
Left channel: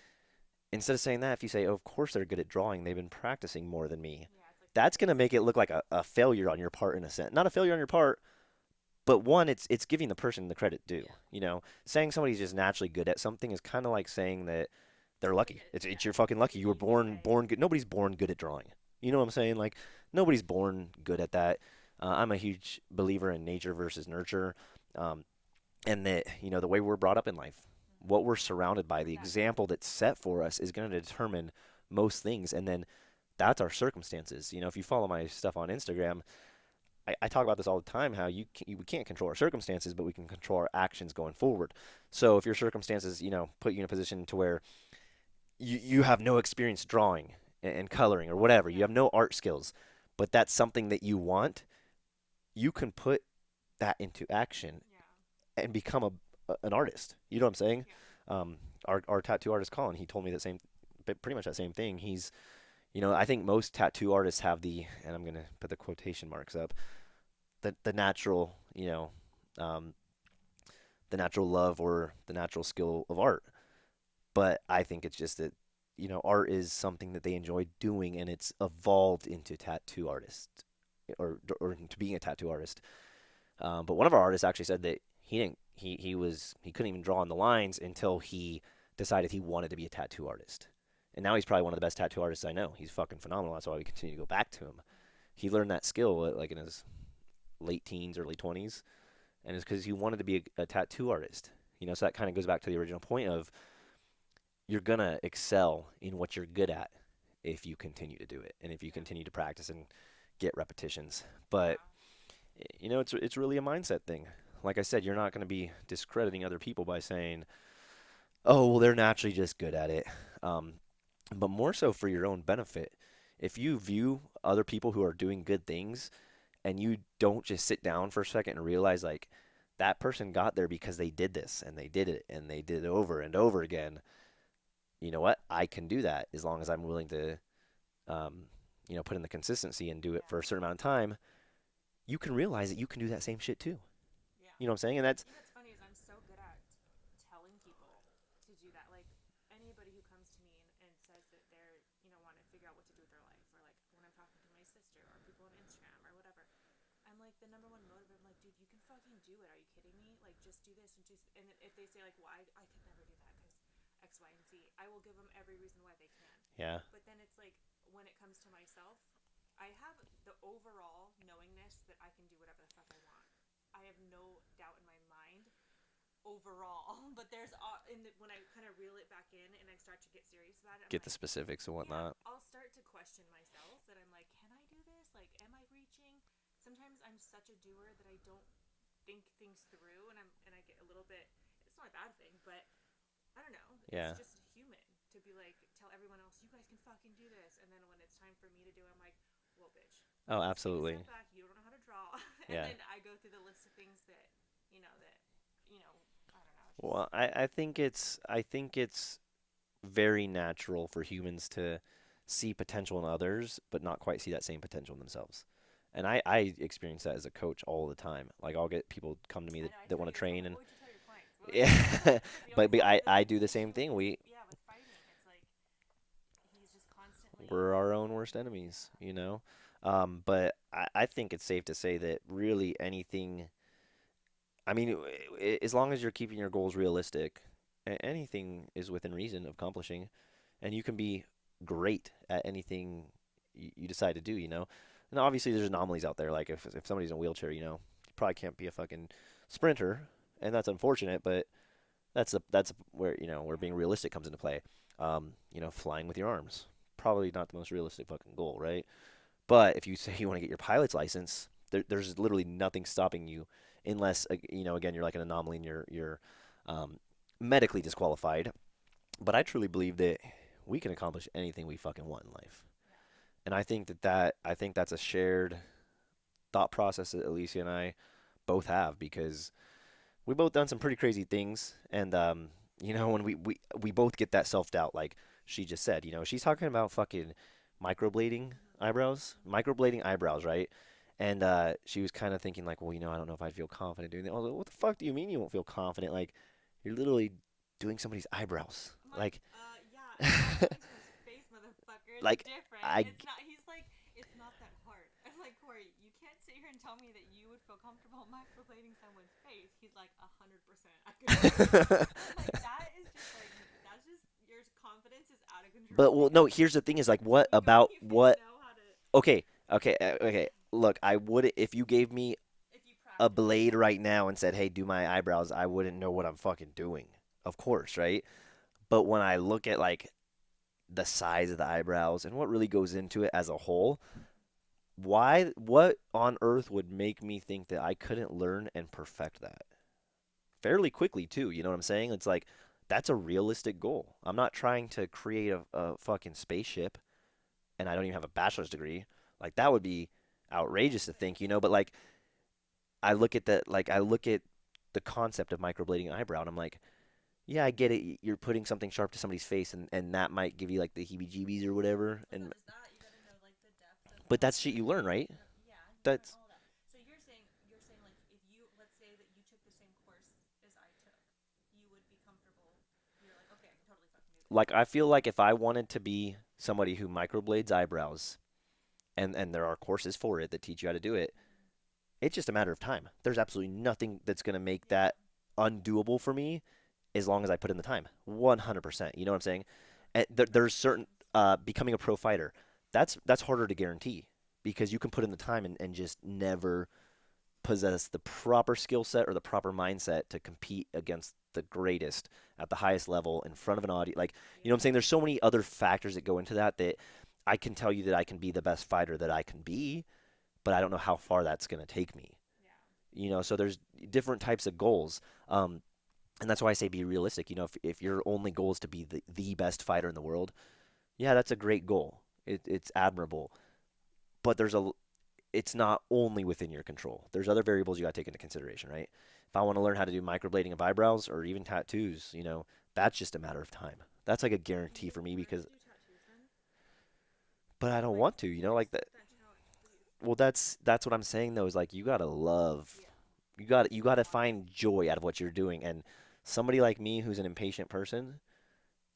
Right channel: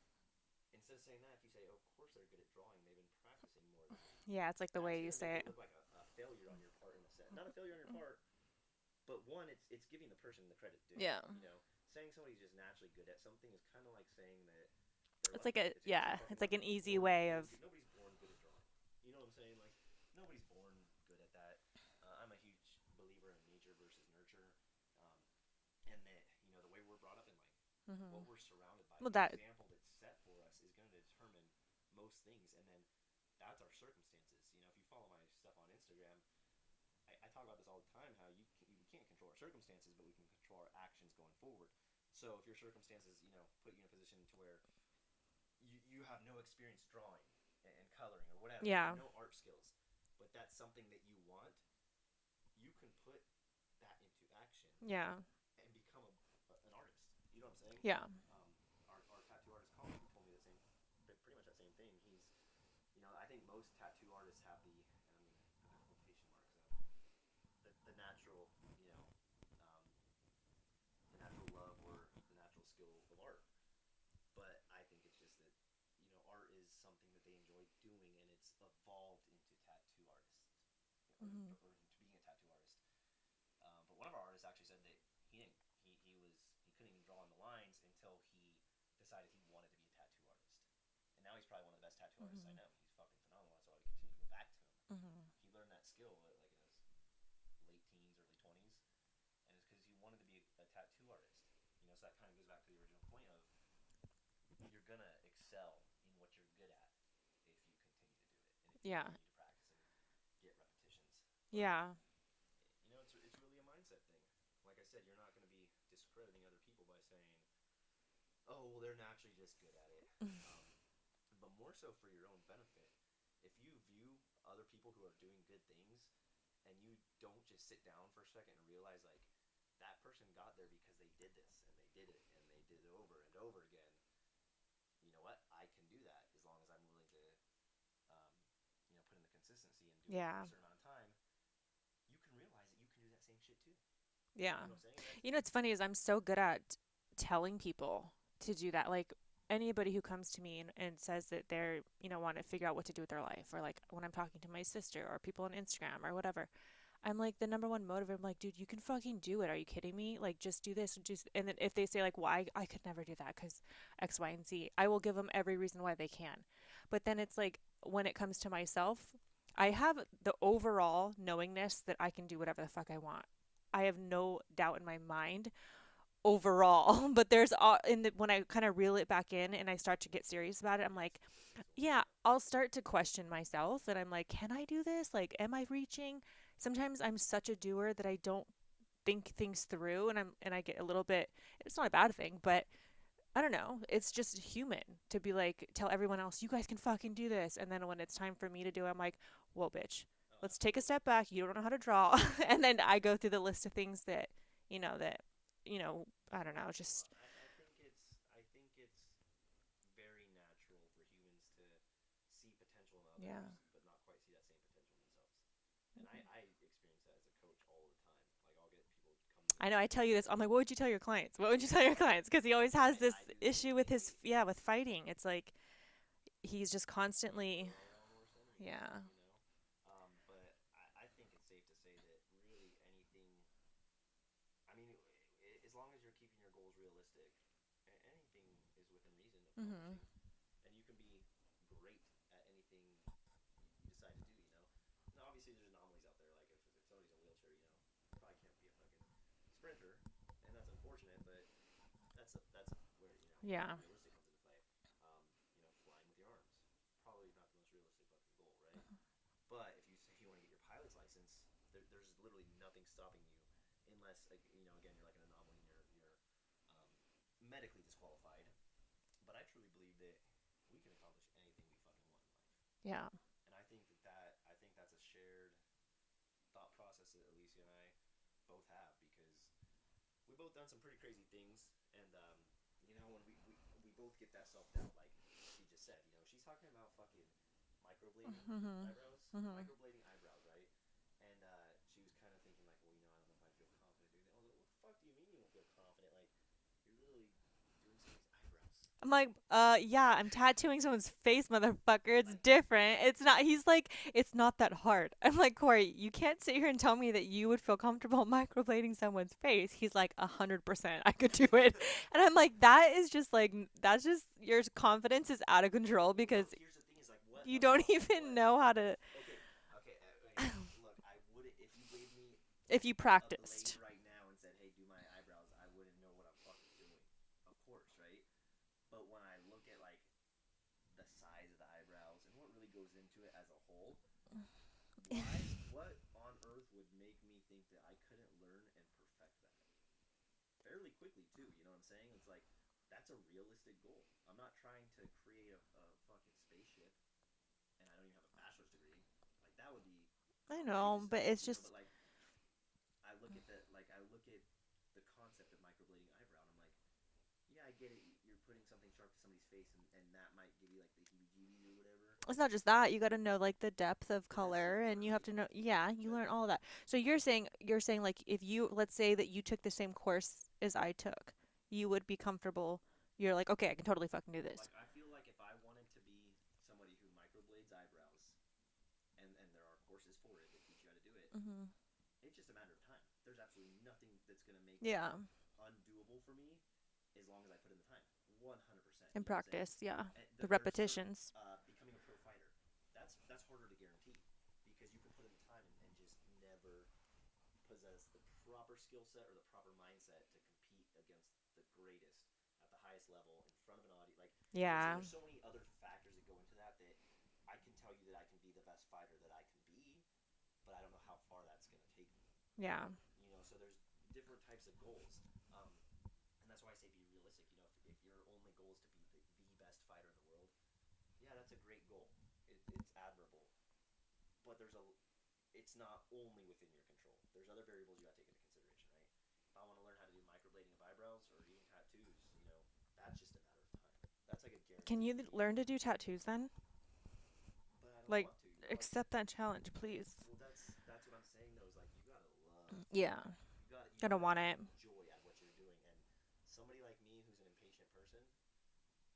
Instead of saying that, if you say, oh, of course they're good at drawing, they've been practicing more than me. Yeah, it's like the That's way you gonna say make it it. look like a failure on your part in a sense. Not a failure on your part, but one, it's giving the person the credit due. Yeah. Saying somebody's just naturally good at something is kind of like saying that they're It's like lucky. a It's yeah, you're fucking it's like lucky. an You were easy way born of good. Nobody's born good at drawing. You know what I'm saying? Like nobody's born good at that. I'm a huge believer in nature versus nurture, um, and that the way we're brought up in life, hmm what we're surrounded by, well the that example that's set for us is going to determine most things, and then that's our circumstances. If you follow my stuff on Instagram, I talk about this all the time. How we can't control our circumstances, but we can control our actions going forward. So if your circumstances, put you in a position to where you have no experience drawing and coloring or whatever, you yeah have no art skills, but that's something that you want, you can put that into action yeah and become an artist. You know what I'm saying? yeah Um, our tattoo artist Colin, he told me that same, but pretty much that same thing. I think most tattoo artists have and I'm gonna put the quotation marks up, the natural, um, the natural love or the natural skill of art. But I think it's just that, art is something that they enjoy doing, and it's evolved into tattoo artist hmm or into being a tattoo artist. But one of our artists actually said that he didn't he couldn't even draw on the lines until he decided he wanted to be a tattoo artist. And now he's probably one of the best tattoo artists I know. He's fucking phenomenal. That's why we continue to go back to him. hmm He learned that skill like in his late teens, early 20s, and it's because he wanted to be a tattoo artist. So that kind of goes back to the original point of you're gonna excel in what you're good at if you continue to do it and if you yeah continue to practice and get repetitions. But yeah it's really a mindset thing. Like I said, you're not going to be discrediting other people by saying, "Oh, well, they're naturally just good at it," um, but more so for your own benefit. If you view other people who are doing good things and you don't just sit down for a second and realize like that person got there because they did this and they did it and they did it over and over again. You know what? I can do that as long as I'm willing to, um, put in the consistency and do it for yeah a certain amount of time. you can realize that you can do that same shit too. Yeah. You know what I'm saying? And that's You know what's funny is I'm so good at telling people to do that. Like anybody who comes to me and says that they're, want to figure out what to do with their life, or like when I'm talking to my sister or people on Instagram or whatever, I'm like the number one motivator. I'm like, dude, you can fucking do it. Are you kidding me? Like, just do this and just. And then if they say like, well, I could never do that because X, Y, and Z, I will give them every reason why they can. yeah, But then it's like when it comes to myself, I have the overall knowingness that I can do whatever the fuck I want. I have no doubt in my mind overall. But there's when I kind of reel it back in and I start to get serious about it, I'm get the like, specifics and yeah, whatnot. I'll start to question myself and I'm like, can I do this? Like, am I reaching? Sometimes I'm such a doer that I don't think things through and I get a little bit, it's not a bad thing, but I don't know. It's Yeah. just human to be like, tell everyone else, you guys can fucking do this. And then when it's time for me to do it, I'm like, whoa, bitch, Oh, let's take a absolutely. step back. You don't know how to draw. And Yeah. then I go through the list of things that, you know, I don't know, just, Well, I think it's very natural for humans to see potential in yeah. others, but not quite see that same potential in themselves. And I experience that as a coach all the time. Like I'll get people come to me I know I that tell want you to this. I'm train like, and what would you tell your clients? What would you yeah, tell your clients? Because he but, always but has I this I do the same issue with thing. his, yeah, with fighting. It's like he's just constantly, We're our own worst enemies, yeah. you know? But I think it's safe to say that really anything, I mean, as long as you're keeping your goals realistic, anything is within reason of Hmm. accomplishing, and you can be great at anything you decide to do, you know? And obviously, there's anomalies out there. Like if somebody's in a wheelchair, you probably can't be a fucking sprinter, and that's unfortunate, but that's where where Yeah. being realistic comes into play. Flying with your arms, probably not the most realistic fucking goal, right? But if you say you want to get your pilot's license, there's literally nothing stopping you, unless again you're like an anomaly and you're um, medically disqualified. But I truly believe that we can accomplish anything we fucking want in life, Yeah. and I think that's a shared thought process that Alicia and I both have because we both done some pretty crazy things, and when we both get that self doubt, like she just said, she's talking about fucking Hmm. Hmm. microblading eyebrows, right? And she was kind of thinking like, well, I don't know if I'd feel confident doing that. I was like, what the fuck do you mean you won't feel confident? Like, you're literally doing somebody's eyebrows, I'm like, like, yeah, and tattooing someone's face, motherfucker, it's like different. I It's not, he's like, it's not that hard. I'm like, Corey, you can't sit here and tell me that you would feel comfortable microblading someone's face. He's like, 100%, I could do it. And I'm like, that is just like, that's just, your confidence is out of control But well, no. because Here's the thing: is like, what you don't about even what? know how to, Okay, okay. Look, I would if you gave me if you a blade practiced. right now and said, "Hey, do my eyebrows," I wouldn't know what I'm fucking doing. Of course, right? But when I look at like the size of the eyebrows and what really goes into it as a whole, what on earth would make me think that I couldn't learn and perfect that fairly quickly too? You know what I'm saying? It's like that's a realistic goal. I'm not trying to create a fucking spaceship and I don't even have a bachelor's degree. Like that would be I know, outrageous to but think, it's just, but like I look at the concept of microblading an eyebrow, and I'm like, yeah, I get it. You're putting something sharp to somebody's face, and that might give you like the heebie-jeebies or whatever. it's And not just that. You got to know like the depth of but that's shit color you and learn, you have right? to know, yeah, you learn That's all of that. So you're saying like if you, let's say that you took the same course as I took, you would be comfortable. You're like, okay, I can totally fucking do this. like I feel like if I wanted to be somebody who microblades eyebrows, and there are courses for it that teach you how to do it, Hmm. it's just a matter of time. There's absolutely nothing that's gonna make Yeah. that undoable for me as long as I put in the time. 100%. In You know what I'm saying? practice, yeah. There, The there's certain repetitions. becoming a pro fighter. That's harder to guarantee because you can put in the time and just never possess the proper skill set or the proper mindset to compete against the greatest at the highest level in front of an audience. Like, you know what I'm saying? Yeah. There's so many other factors that go into that I can tell you that I can be the best fighter that I can be, but I don't know how far that's going to take me. Yeah. So there's different types of goals. And that's why I say be realistic. If your only goal is to be the best fighter in the world, yeah, that's a great goal. It's admirable. But it's not only within your control. There's other variables you got to take into consideration, right? If I want to learn how to do microblading of eyebrows or even tattoos, that's just a matter of time. That's like a Can guarantee you for me learn to because do tattoos then? but I don't Like, want to, you know, like that. accept that challenge, please. Well, that's what I'm saying though, is like you gotta love, Yeah. you Gotta gotta want it. find joy out of what you're doing. And somebody like me who's an impatient person,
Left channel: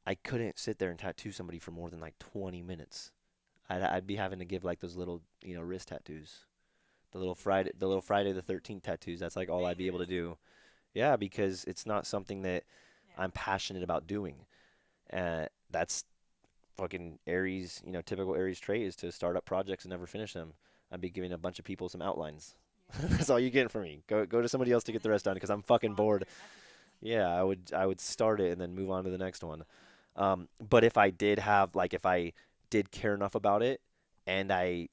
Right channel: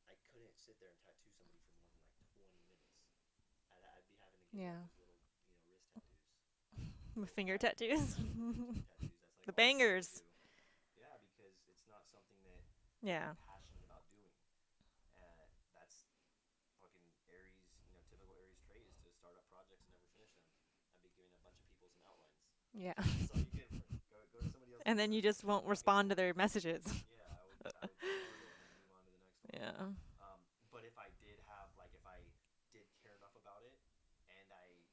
I couldn't sit there and tattoo somebody for more than like 20 minutes. I'd be having to give Yeah. like those little, wrist tattoos, Finger The little tattoos. Friday the 13th tattoos. That's like The all I'd be able to bangers. do. Yeah, because it's not something that I'm Yeah. passionate about doing. That's fucking Aries, typical Aries trait is to start up projects and never finish them. I'd be giving a bunch of people some outlines. Yeah. That's all you getting from me. Go to somebody else to And get the then you rest done just because I'm won't fucking respond to bored. their messages. Yeah, I would start it and then move on to the next one. Yeah. But if I did have like if I did care enough about it, and I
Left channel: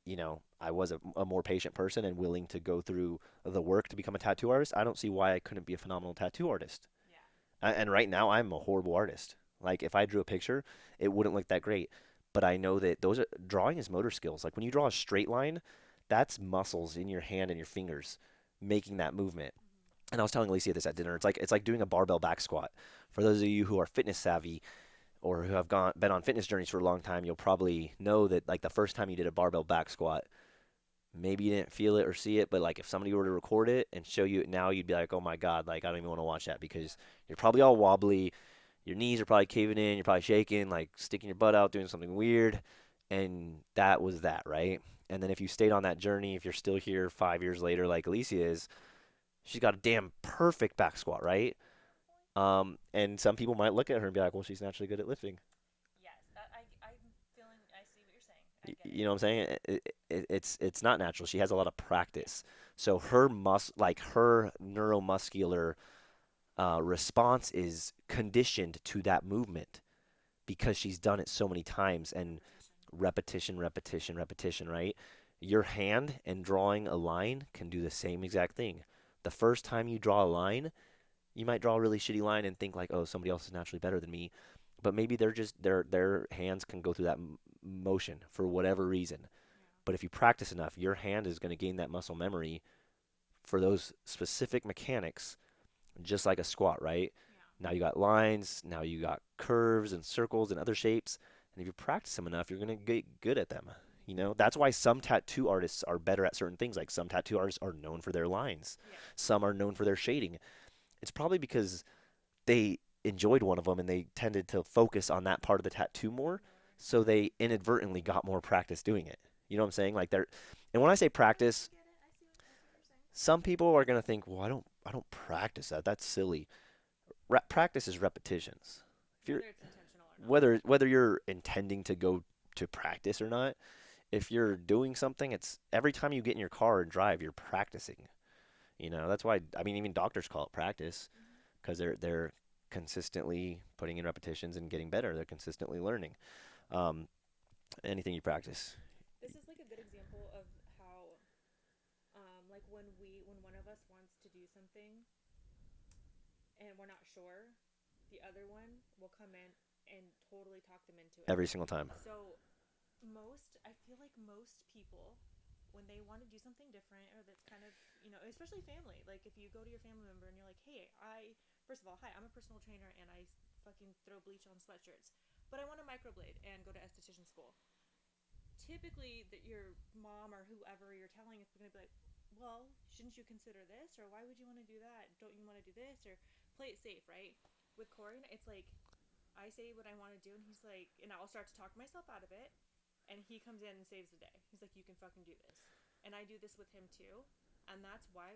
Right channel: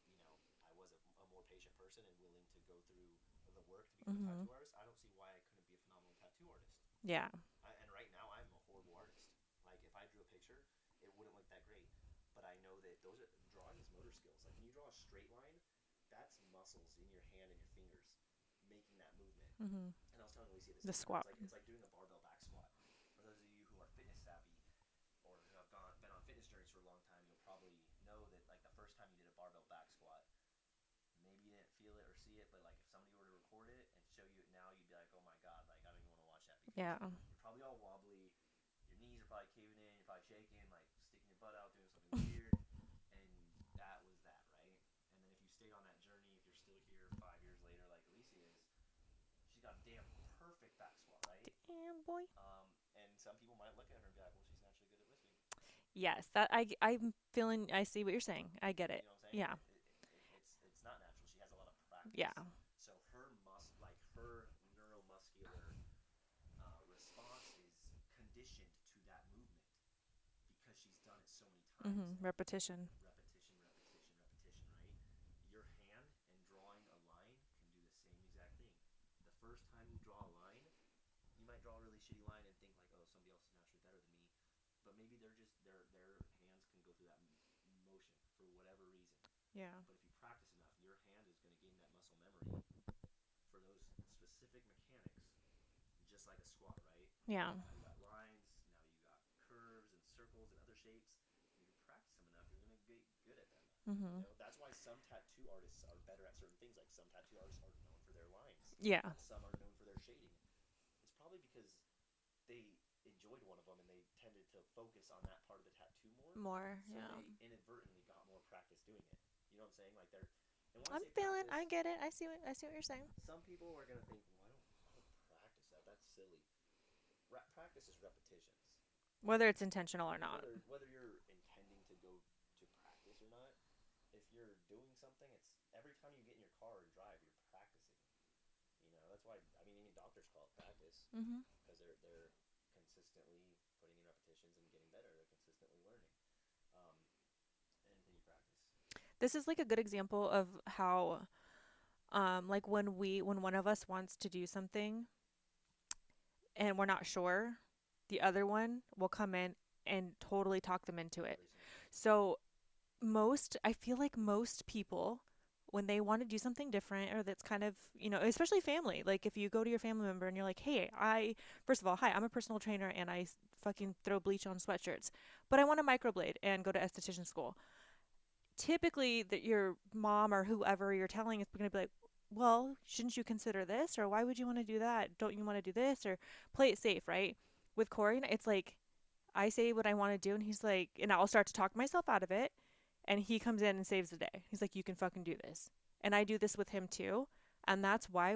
was a more patient person and willing to go through the work to become a Mhm. tattoo artist, I don't see why I couldn't be a phenomenal tattoo artist. Yeah. And right now, I'm a horrible artist. Like if I drew a picture, it wouldn't look that great. But I know that those are drawing is motor skills. Like when you draw a straight line, that's muscles in your hand and your fingers making that movement. Mhm. And I was telling Alicia this The at dinner. swap. It's like doing a barbell back squat. For those of you who are fitness savvy or who have gone been on fitness journeys for a long time, you'll probably know that like the first time you did a barbell back squat, maybe you didn't feel it or see it, but like if somebody were to record it and show you it now, you'd be like, "Oh my God, like I don't even want to watch that Yeah. because you're probably all wobbly, your knees are probably caving in, you're probably shaking, like sticking your butt out, doing something weird." And that was that, right? And then if you stayed on that journey, if you're still here 5 years later, like Alicia is, she's got a damn perfect back squat, right? Yeah, boy. And some people might look at her and be like, "Well, she's naturally good at lifting." Yes, that I'm feeling. I see what you're saying. I get it. You know what I'm saying? Yeah. It's not natural. She has a lot of Yeah. practice. So her neuromuscular response is conditioned to that movement because she's done it so many times and Repetition. repetition, repetition, repetition, right? Your hand and drawing a line can do the same exact thing. The first time you draw a line, you might draw a really shitty line and think like, "Oh, somebody else is naturally better than me." But maybe they're just their hands can go through that motion for whatever reason. Yeah. But if you practice enough, your hand is going to gain that muscle memory for those specific mechanics, just like a squat, right? Yeah. Now you got lines, now you got curves and circles and other shapes. And if you practice them enough, you're going to get good at them. Mhm. That's why some tattoo artists are better at certain things. Like some tattoo artists are known for their lines, Yeah. some are known for their shading. It's probably because they enjoyed one of them and they tended to focus on that part of the tattoo more. More. So Yeah. they inadvertently got more practice doing it. You know what I'm saying? Like they're, and when I I say feel it. I practice, get it. I see what you're saying. some people are gonna think, well, I don't practice that. That's silly. Practice is repetitions. If you're Whether it's intentional or not. whether you're intending to go to practice or not, if you're doing something, it's every time you get in your car and drive, you're practicing. That's why I mean even doctors call it practice Mhm. because they're consistently putting in repetitions and getting better. They're consistently learning. Um, anything you practice. This is like a good example of how like when one of us wants to do something and we're not sure, the other one will come in and totally talk them into it. Every single time. So I feel like most people, when they want to do something different or that's kind of, especially family, like if you go to your family member and you're like, hey, first of all, hi, I'm a personal trainer and fucking throw bleach on sweatshirts, but I want to microblade and go to esthetician school. Typically, that your mom or whoever you're telling is going to be like, well, shouldn't you consider this? Or why would you want to do that? Don't you want to do this? Or play it safe, right? With Corey, it's like, I say what I want to do, and he's like, and I'll start to talk myself out of it, and he comes in and saves the day. He's like, you can fucking do this. And I do this with him too. And that's why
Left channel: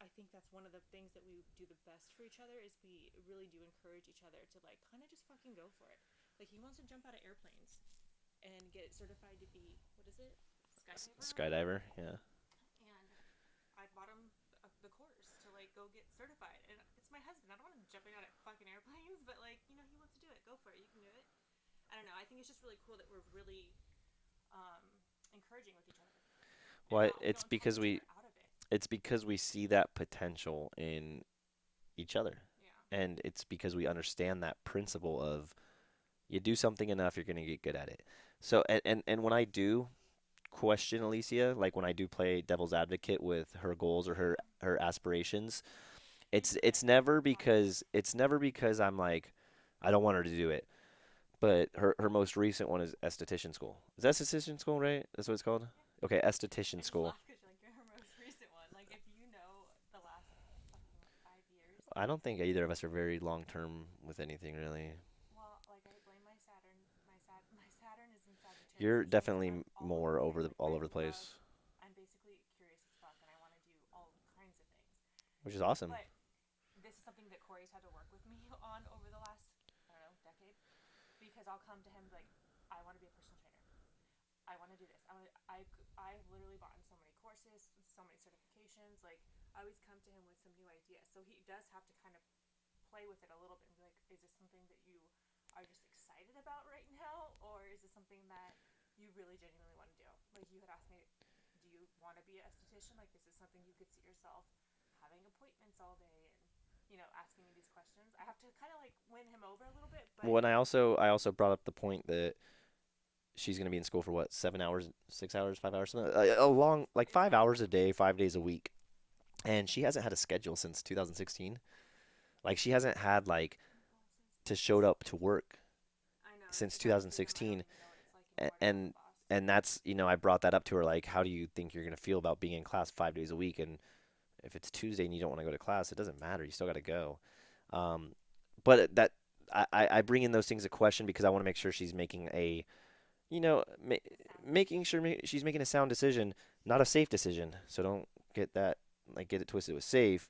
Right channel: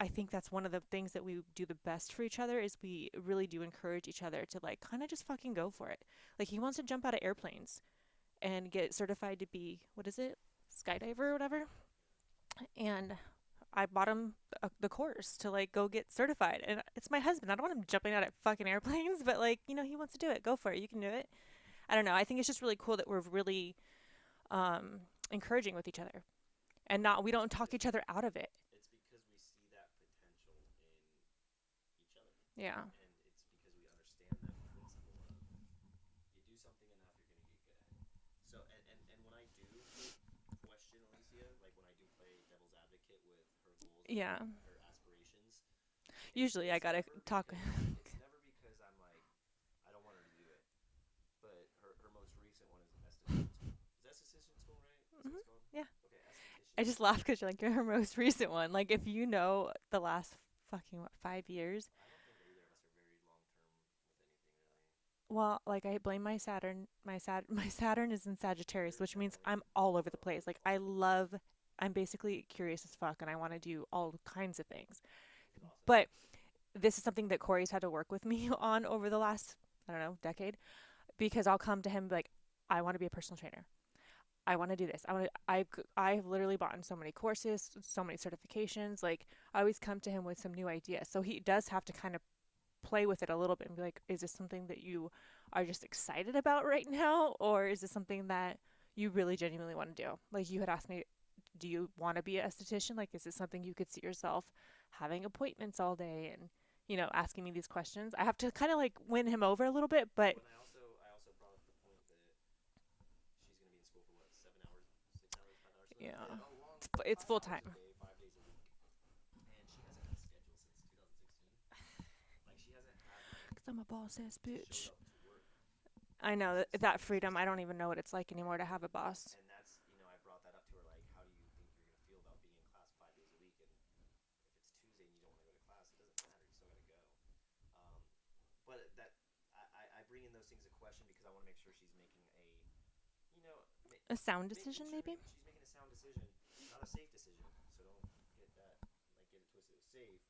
I think that's one of the things that we do the best for each other is we really do encourage each other to like kind of just fucking go for it. Like he wants to jump out of airplanes and get certified to be, what is it? Skydiver or whatever. Skydiver, yeah. And I bought him the course to like go get certified. And it's my husband. I don't want him jumping out of fucking airplanes, but like, he wants to do it. Go for it. You can do it. I don't know. I think it's just really cool that we're really encouraging with each other, and Well, not we don't talk each other out of it. it's because we see that potential in each other, Yeah. and it's because we understand that principle of you do something enough, you're gonna get good at it. So, and when I do question Alicia, like when I do play devil's advocate with her goals or Yeah. her aspirations, it's Usually I it's gotta never talk. because I'm like I don't want her to do it. But her most recent one is esthetician school. Is that esthetician school, right? That's what Hmm. it's called? Yeah. Okay, esthetician I just school. laugh because you're like your most recent one. Like if you know the last fucking what 5 years. I don't think either of us are very long term with anything really. Well, like I blame my Saturn. My Saturn is in Sagittarius, You're which means definitely I'm all over the more place. Like all I over the love. place, I'm basically curious as fuck, and I want to do all kinds of things. which is awesome. But this is something that Corey's had to work with me on over the last, I don't know, decade, because I'll come to him like, I want to be a personal trainer. I want to do this. I've literally bought in so many courses, so many certifications. Like I always come to him with some new ideas. So he does have to kind of play with it a little bit and be like, is this something that you are just excited about right now, or is this something that you really genuinely want to do? Like you had asked me, do you want to be an esthetician? Like, is this something you could see yourself having appointments all day and asking me these questions? I have to kind of like win him over a little bit, but Well, and I also brought up the point that she's gonna be in school for what, 7 hours, 6 hours, 5 hours, something, a long, like it's five full hours a time. day, 5 days a week, and she hasn't had a schedule since 2016. Like she hasn't had like Cause I'm a boss ass to showed bitch. up to work I know that, since that freedom. I don't 2016, even know what it's like and anymore to have a and, boss. and that's I brought that up to her like, how do you think you're gonna feel about being in class 5 days a week? And if it's Tuesday and you don't want to go to class, it doesn't matter. You still got to go. Um, but that I bring in those things a question because I want to make sure she's making a you know ma- A sound making decision, sure maybe. she's making a sound decision, not a safe decision. So don't get that like get it twisted with safe.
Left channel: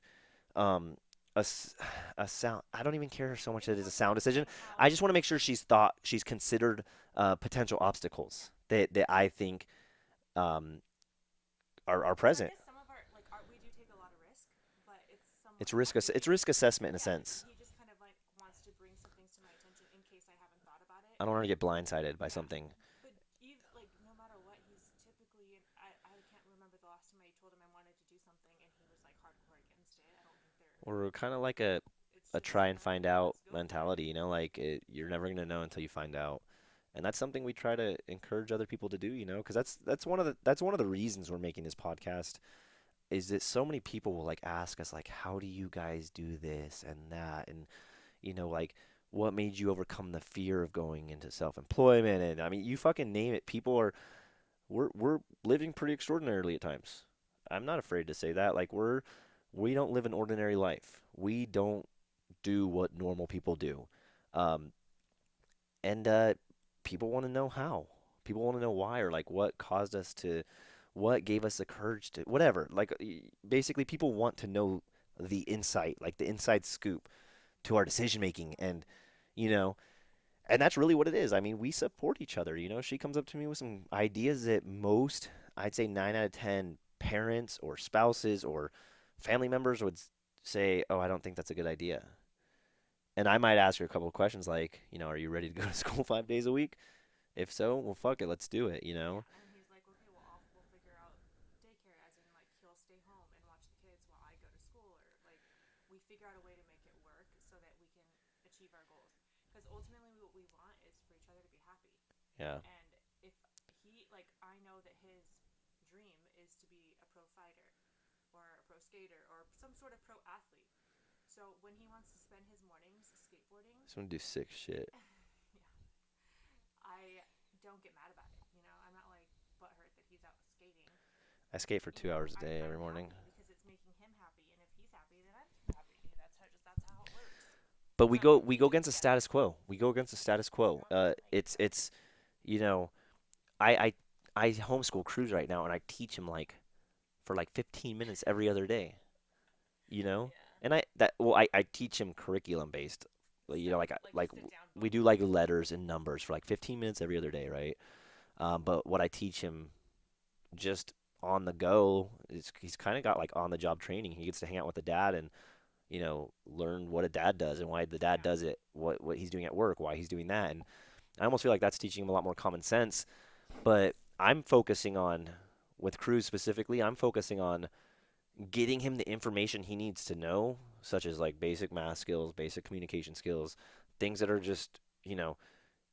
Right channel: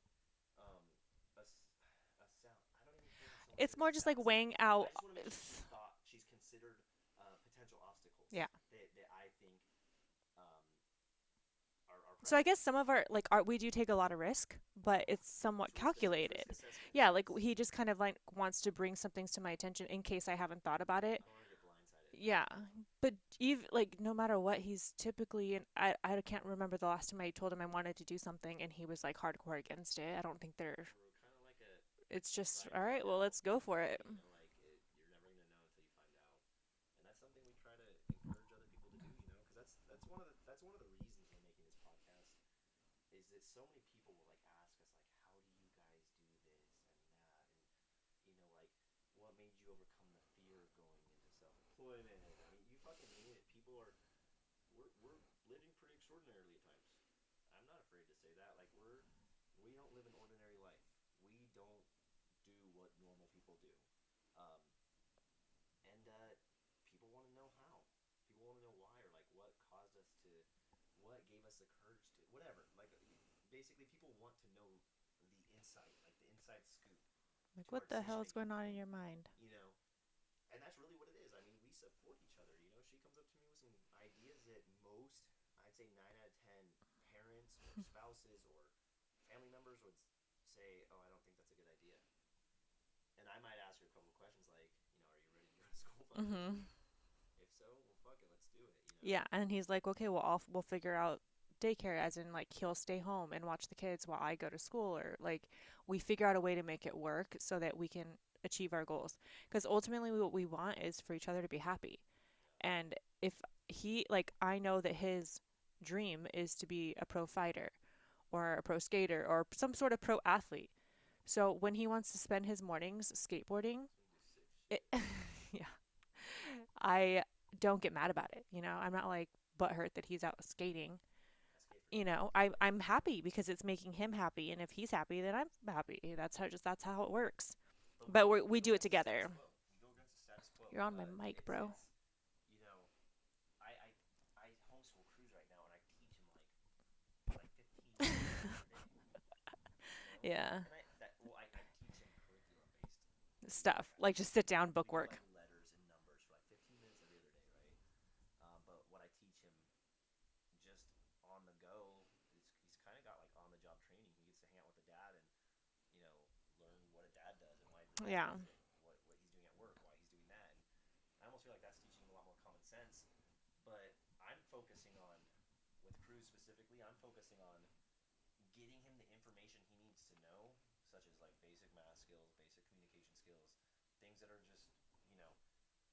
Um, a, s- a sound. I don't even care so much It's that it's more a just sound like decision. weighing out. I just want to make sure she's considered potential Yeah. obstacles that I think um, are So I present. guess some of our like art we do take a lot of risk, but it's somewhat It's calculated. risk assessment in a Yeah, like sense. he just kind of like wants to bring some things to my attention in case I haven't thought about it. I don't want to get blindsided by Yeah. something. But even like no matter what, he's typically and I can't remember the last time I told him I wanted to do something and he was like hardcore against it. I don't think they're We're kind of like a it's try just and all right, find well, out let's go for it. mentality, like you're never gonna know until you find out. And that's something we try to encourage other people to do, because that's one of the reasons we're making this podcast is that so many people will like ask us like, how do you guys do this and that, and like, what made you overcome the fear of going into self-employment? And I mean, you fucking name it. People are we're living pretty extraordinarily at times. I'm not afraid to say that. Like we don't live an ordinary life. We don't do what normal people do. Um, and people want to know how. People want to know why, or like what caused us to, what gave us the courage to, whatever. Like basically, people want to know the insight, like the inside scoop Like to what our the decision hell's going making, on in and your mind? you know, and that's really what it is. I mean, we support each other. She comes up to me with some ideas that most, I'd say 9 out of 10 parents or spouses or family members would say, "Oh, I don't think that's a good idea." And I might ask her a couple of questions like, are you ready to go to school 5 days a Mhm. week? If so, well, fuck it, let's do it. Yeah, and he's like, "Okay, well, we'll figure out daycare as in like he'll stay home and watch the kids while I go to school or like we figure out a way to make it work so that we can achieve our goals. Because ultimately what we want is for each other to be happy. Yeah. And if he like I know that his dream is to be a pro fighter or a pro skater or some sort of pro athlete. So when he wants to spend his mornings skateboarding, Just want to do sick it, shit. yeah, I don't get mad about it. I'm not like butthurt that he's out skating. I skate for 2 hours a day I'm every morning. happy because it's making him happy, and if he's happy, then I'm happy. That's how it works. But we But go we we go do it against the status together. quo. We go against the status quo. You're on the mic, It's bro. it's you know, I I homeschool Cruz right now, and I teach him like for like 15 minutes every other day. you know Yeah, and I teach him curriculum based, stuff like like just sit down we do bookwork. like letters and numbers for like 15 minutes every other day, right? But what I teach him just on the go is he's kind of got like on the job training. He gets to hang out with the dad and learn what a dad does and why the dad Yeah. does it, what he's doing at work, why he's doing that. And I almost feel like that's teaching him a lot more common sense. But I'm focusing on, with Cruz specifically, I'm focusing on getting him the information he needs to know, such as like basic math skills, basic communication skills, things that are just, you know,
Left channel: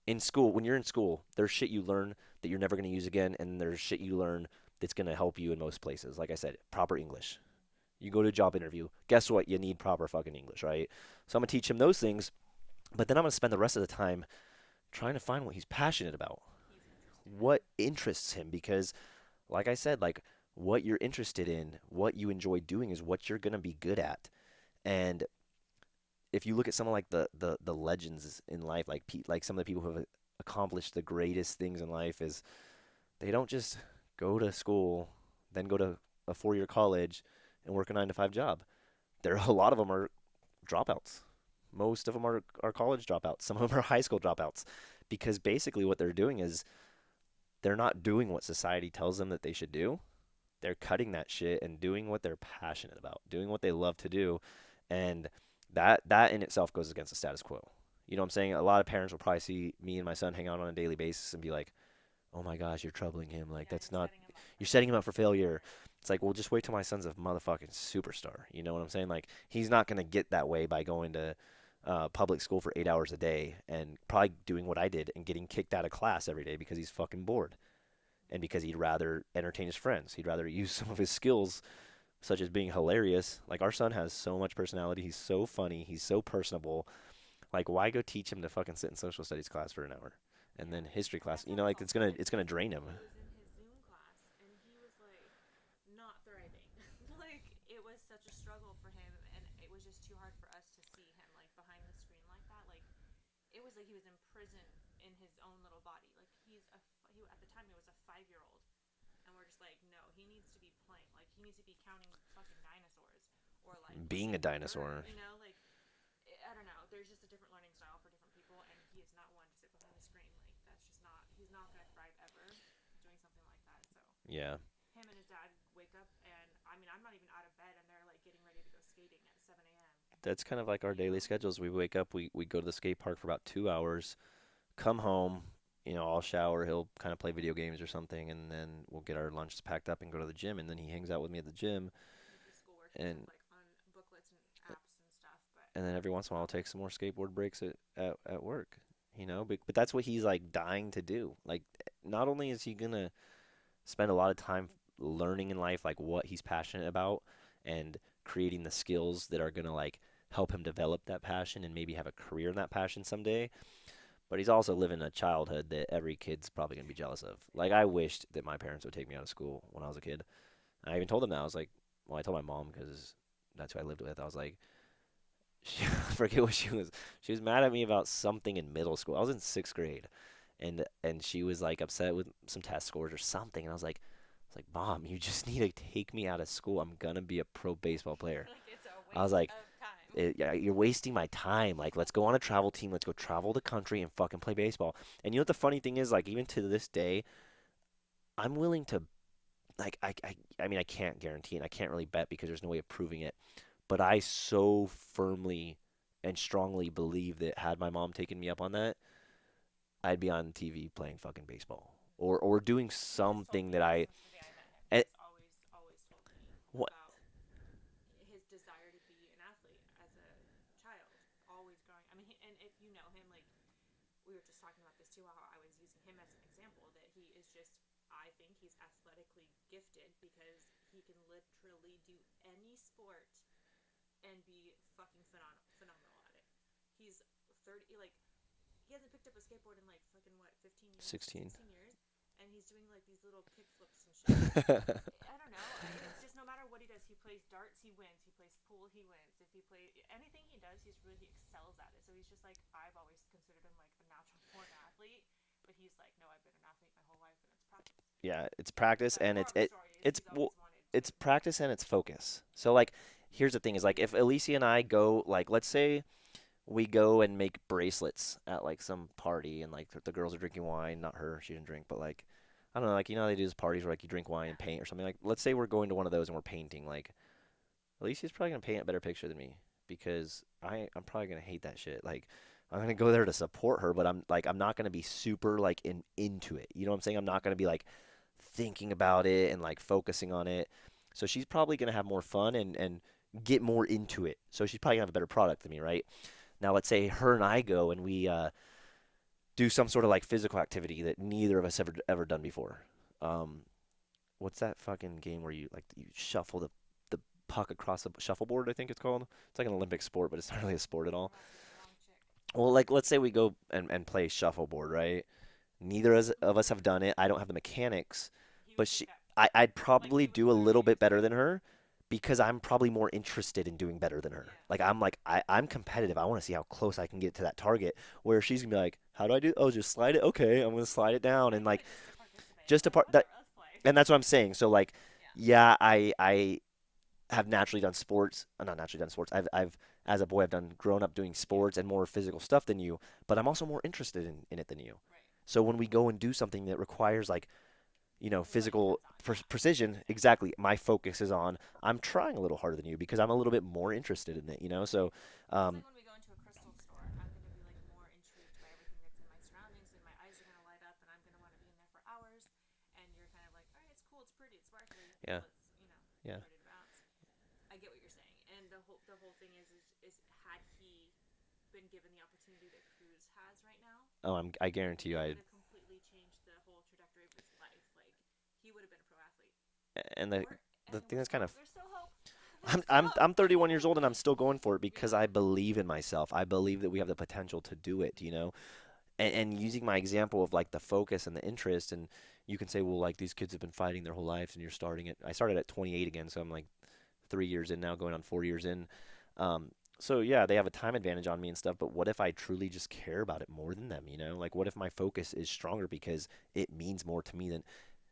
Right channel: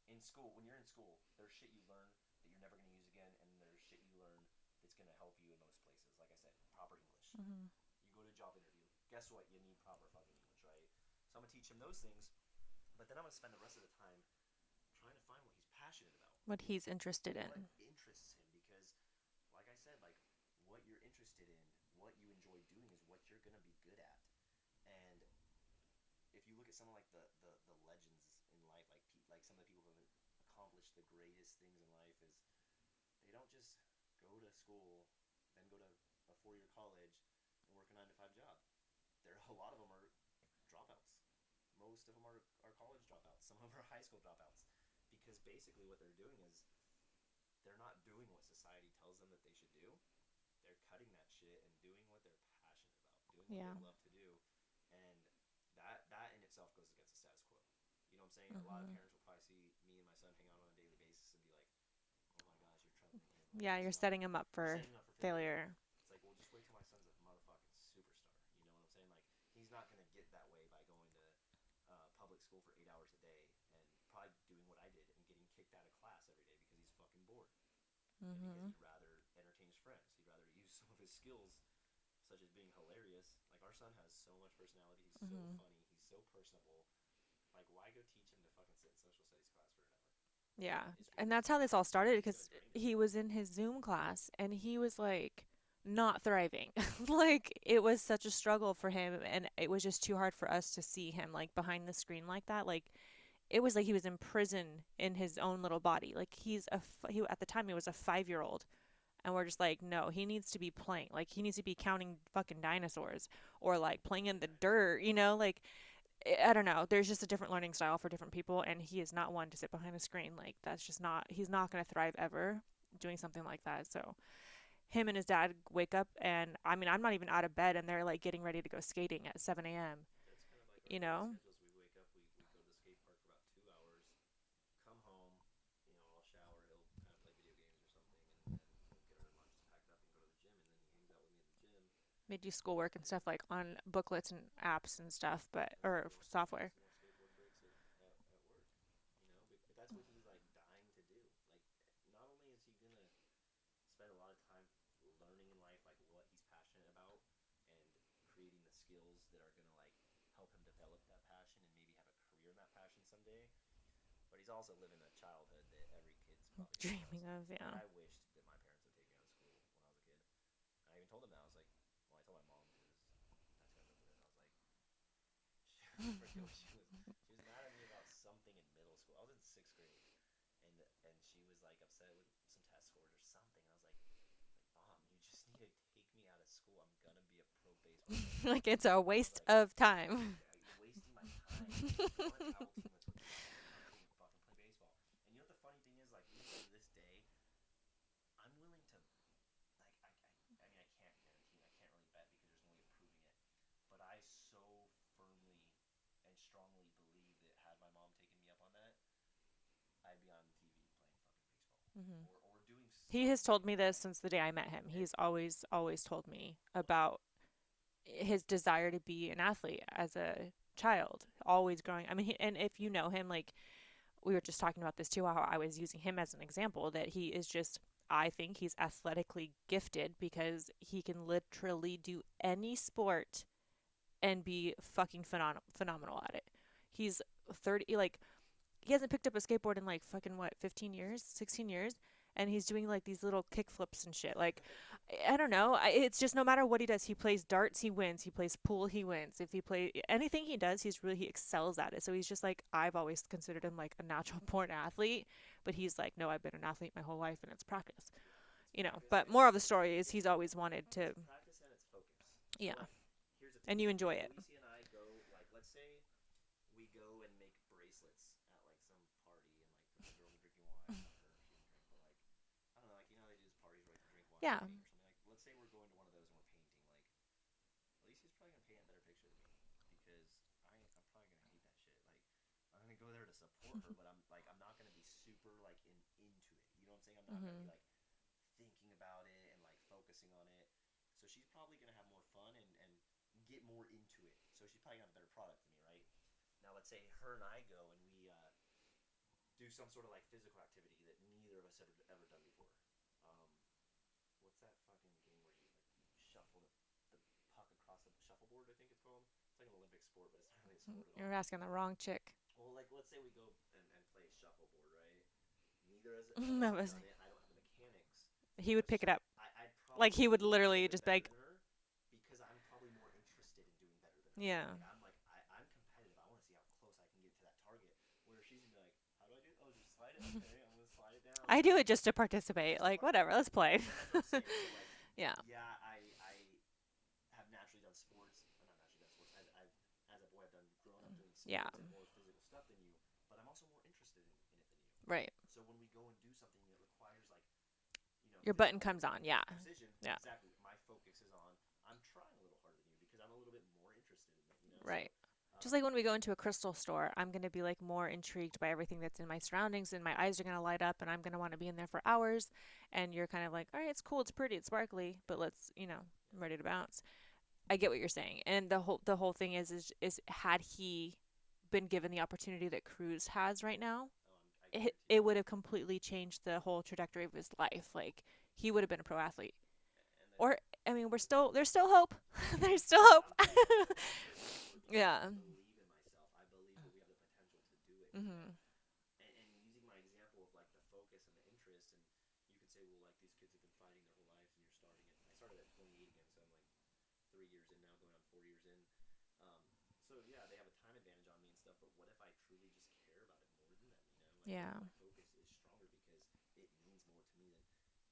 in school. When you're in school, there's shit you learn that you're never going to use again, and there's shit you learn that's going to help you in most places. Like I said, proper English. Hmm. You go to a job interview, guess what? You need proper fucking English, right? So I'm going to teach him those things, but then I'm going to spend the rest of the time trying to find what he's passionate about, What he's interested what in. interests him, because like I said, like what you're interested in, what you enjoy doing is what you're gonna be good at. And if you look at someone like the legends in life, like some of the people who have accomplished the greatest things in life, is they don't just go to school, then go to a 4 year college and work a 9 to 5 job. There are a lot of them are dropouts. Most of them are college dropouts. Some of them are high school dropouts because basically what they're doing is they're not doing what society tells them that they should do. They're cutting that shit and doing what they're passionate about, doing what they Yeah. love to do, and that in itself goes against the status quo. You know what I'm saying? A lot of Mhm. parents will probably see me and my son hang out on a daily basis and be like, "Oh my gosh, you're troubling him. Like Yeah, that's you're not setting him up you're for setting him up for failure." failure. It's like, well, just wait till my son's a motherfucking superstar. You know what I'm saying? Like he's not gonna get that way by going to public school for 8 hours a day and probably doing what I did and getting kicked out of class every day because he's fucking bored and because Mhm. he'd rather entertain his friends. He'd rather use some of his skills, such as being hilarious. Like our son has so much personality. He's so Mhm. funny. He's so personable. Like why go teach him to fucking sit in social studies class for an hour, and Yeah. then history And class? that's You how know, this like all it's gonna started it's gonna because drain him. he was in his Zoom class and he was like not thriving. Like it was such a struggle for him and it was just too hard for us to see him like behind the screen like that. Like it was like he was in prison in his own little body. Like he at the time he was a 5-year old and we're just like no, he needs to be playing. Like he needs to be counting fucking dinosaurs or like playing Being a in the dirt, dinosaur. you know, like I don't know. There's just a different learning style for different people, and he is not one to sit behind a screen. Like that's just not. He's not going to thrive ever doing something like that. So Yeah, him and his dad wake up, and I mean, I'm not even out of bed, and they're like getting ready to go skating at 7 a.m. that's kind of like our You daily know? schedules. We wake up, we go to the skate park for about 2 hours, come home. You know, I'll shower. He'll kind of play video games or something, and then we'll get our lunches packed up and go to the gym. And then he hangs out with me at the gym, They do schoolwork and and stuff like on booklets and apps and stuff, but and then or every once in a while I'll take software. some more skateboard breaks at work. You know, but that's what he's like dying to do. Like, not only is he gonna spend a lot of time learning in life, like what he's passionate about, and creating the skills that are gonna like help him develop that passion and maybe have a career in that passion someday. But he's also living a childhood that every kid's probably gonna be jealous Dreaming of. of, Like yeah. I wished that my parents would take me out of school when I was a kid. I even told them that. I was like, well, I told my mom because that's who I lived with. I was like, she, I forget what she was. She was mad at me about something in middle school. I was in 6th grade, and she was like upset with some test scores or something. And I was like, Mom, you just need to take me out of school. I'm gonna be a pro baseball player. Like it's a I was waste like, of time. Yeah, you're wasting my time. Like, let's go on a travel team. Let's go travel the country and fucking play baseball. And you know what the funny thing is? Like, even to this day, I'm willing to like I mean I can't guarantee and I can't really bet because there's no way of proving it. But I so firmly and strongly believe that had my mom taken me up on that, I'd be on TV playing fucking baseball Hmm. or doing He has told something me that this I since the day I met him. eh, He's always told me what about his desire to be an athlete as a child, always growing. I mean, and if you know him, like we were just talking about this too, how I was using him as an example, that he is just, I think he's athletically gifted because he can literally do any sport and be fucking phenomenal at it. He's 30, like, he hasn't picked up a skateboard in like fucking what, 15 years, 16. 16 years, and he's doing like these little kick flips and shit. Like I don't know. It's just no matter what he does, he plays darts, he wins. He plays pool, he wins. If he play anything he does, he excels at it. So he's just like I've always considered him like a natural born athlete, but he's like no, I've been an athlete my whole life and it's practice. Yeah, it's You know. practice But and moral of the story is it's he's well, always wanted to. it's practice and it's focus. So Yeah, like here's the thing and is you like if enjoy it. Alicia and I go like let's say we go and make bracelets at like some party and like the girls are drinking wine, not her, she didn't drink, but like I don't know, like you know how they do these parties where like you drink wine Yeah. and paint or something like let's say we're going to one of those and we're painting like Alicia's probably gonna paint a better picture than me because I'm probably gonna hate that shit. Like I'm gonna go there to support her, but I'm not gonna be super like into it. You know what I'm saying? I'm not gonna Mhm. be like thinking about it and like focusing on it. So she's probably gonna have more fun and get more into it. So she's probably gonna have a better product than me, right? Now let's say her and I go and we do some sort of like physical activity that neither of us ever done before. Um, what's that fucking game where you shuffle the puck across the shuffleboard? I think it's called. It's like an Olympic sport, but it's not really a sport at all. You're asking the wrong chick. Well, like let's say we go and play shuffleboard, right? Neither of us None of have us. done it. I don't have the mechanics, He would but pick it up. I'd Like he probably would do a little literally bit just better like, than her because I'm probably more interested in doing better than her. yeah. Like I'm competitive. I want to see how close I can get to that target. Where she's gonna be like, "How do I do? Oh, just slide it. Okay, I'm gonna slide it down." I And do like it just to participate. just a Like part that, whatever, let's play. and that's what I'm saying. So like, Yeah. yeah, I have naturally done sports. Not naturally done sports. I've as a boy I've done grown up doing Yeah. sports and more physical stuff than you, but I'm also more interested in it than you. Right. So when we go and do something that requires like Your button physical comes on. Yeah. precision, Yeah. exactly. My focus is on I'm trying a little harder than you because I'm a little bit more interested in it. Right. So, Just like um, when we go into a crystal store, I'm going to be like more intrigued by everything that's in my surroundings, and my eyes are going to light up, and I'm going to want to be in there for hours. And you're kind of like, all right, it's cool, it's pretty, it's sparkly, but yeah, let's, yeah. I'm ready to bounce. I get what you're saying, and the whole thing is had he been given the opportunity that Cruz has right now, Oh, I it guarantee you, it would have completely changed the whole trajectory of his life. Like he would have been a pro athlete. and Or I the mean, thing that's kind of there's still hope. There's still I'm hope. 31 years old and I'm still going for it because Yeah. I believe in myself. I believe that we have the potential to do it. Mhm. And using my example of like the focus and the interest, and you can say, well, like these kids have been fighting their whole lives, and you're starting it. I started at 28 again, so I'm like 3 years in now, going on 4 years in. Um, so yeah, they have a time advantage on me and stuff. But what if I truly just care about it more than them? Like what Yeah. if my focus is stronger because it means more to me than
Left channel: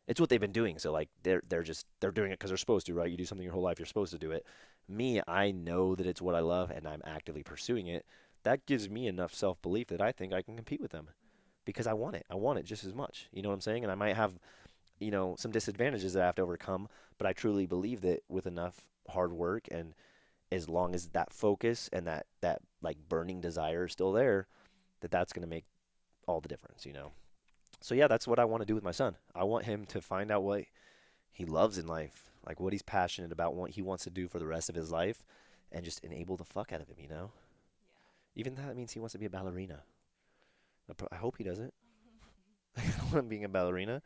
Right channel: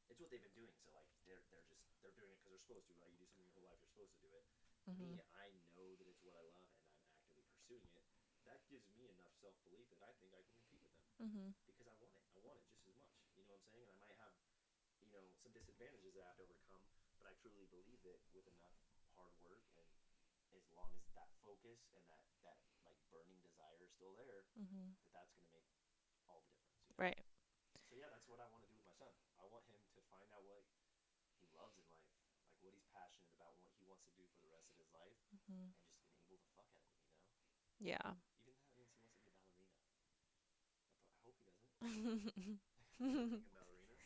it's what they've been doing. So like they're doing it because they're supposed to, right? You do something your whole life, you're supposed to do it. Mhm. Me, I know that it's what I love, and I'm actively pursuing it. That gives me enough self belief that I think I can compete with them Mhm. because I want it. I want it just as much. You know what I'm saying? And I might have some disadvantages that I have to overcome, but I truly believe that with enough hard work and as long as that focus and that like burning desire is still there, Mhm. that's going to make all the difference. Right. So yeah, that's what I want to do with my son. I want him to find out what he loves in life, like what he's passionate about, what he wants to do for the rest of his life, Mhm. and just enable the fuck out of him. Yeah. Even that means he wants to be a ballerina. I hope he doesn't. I don't want him being a ballerina,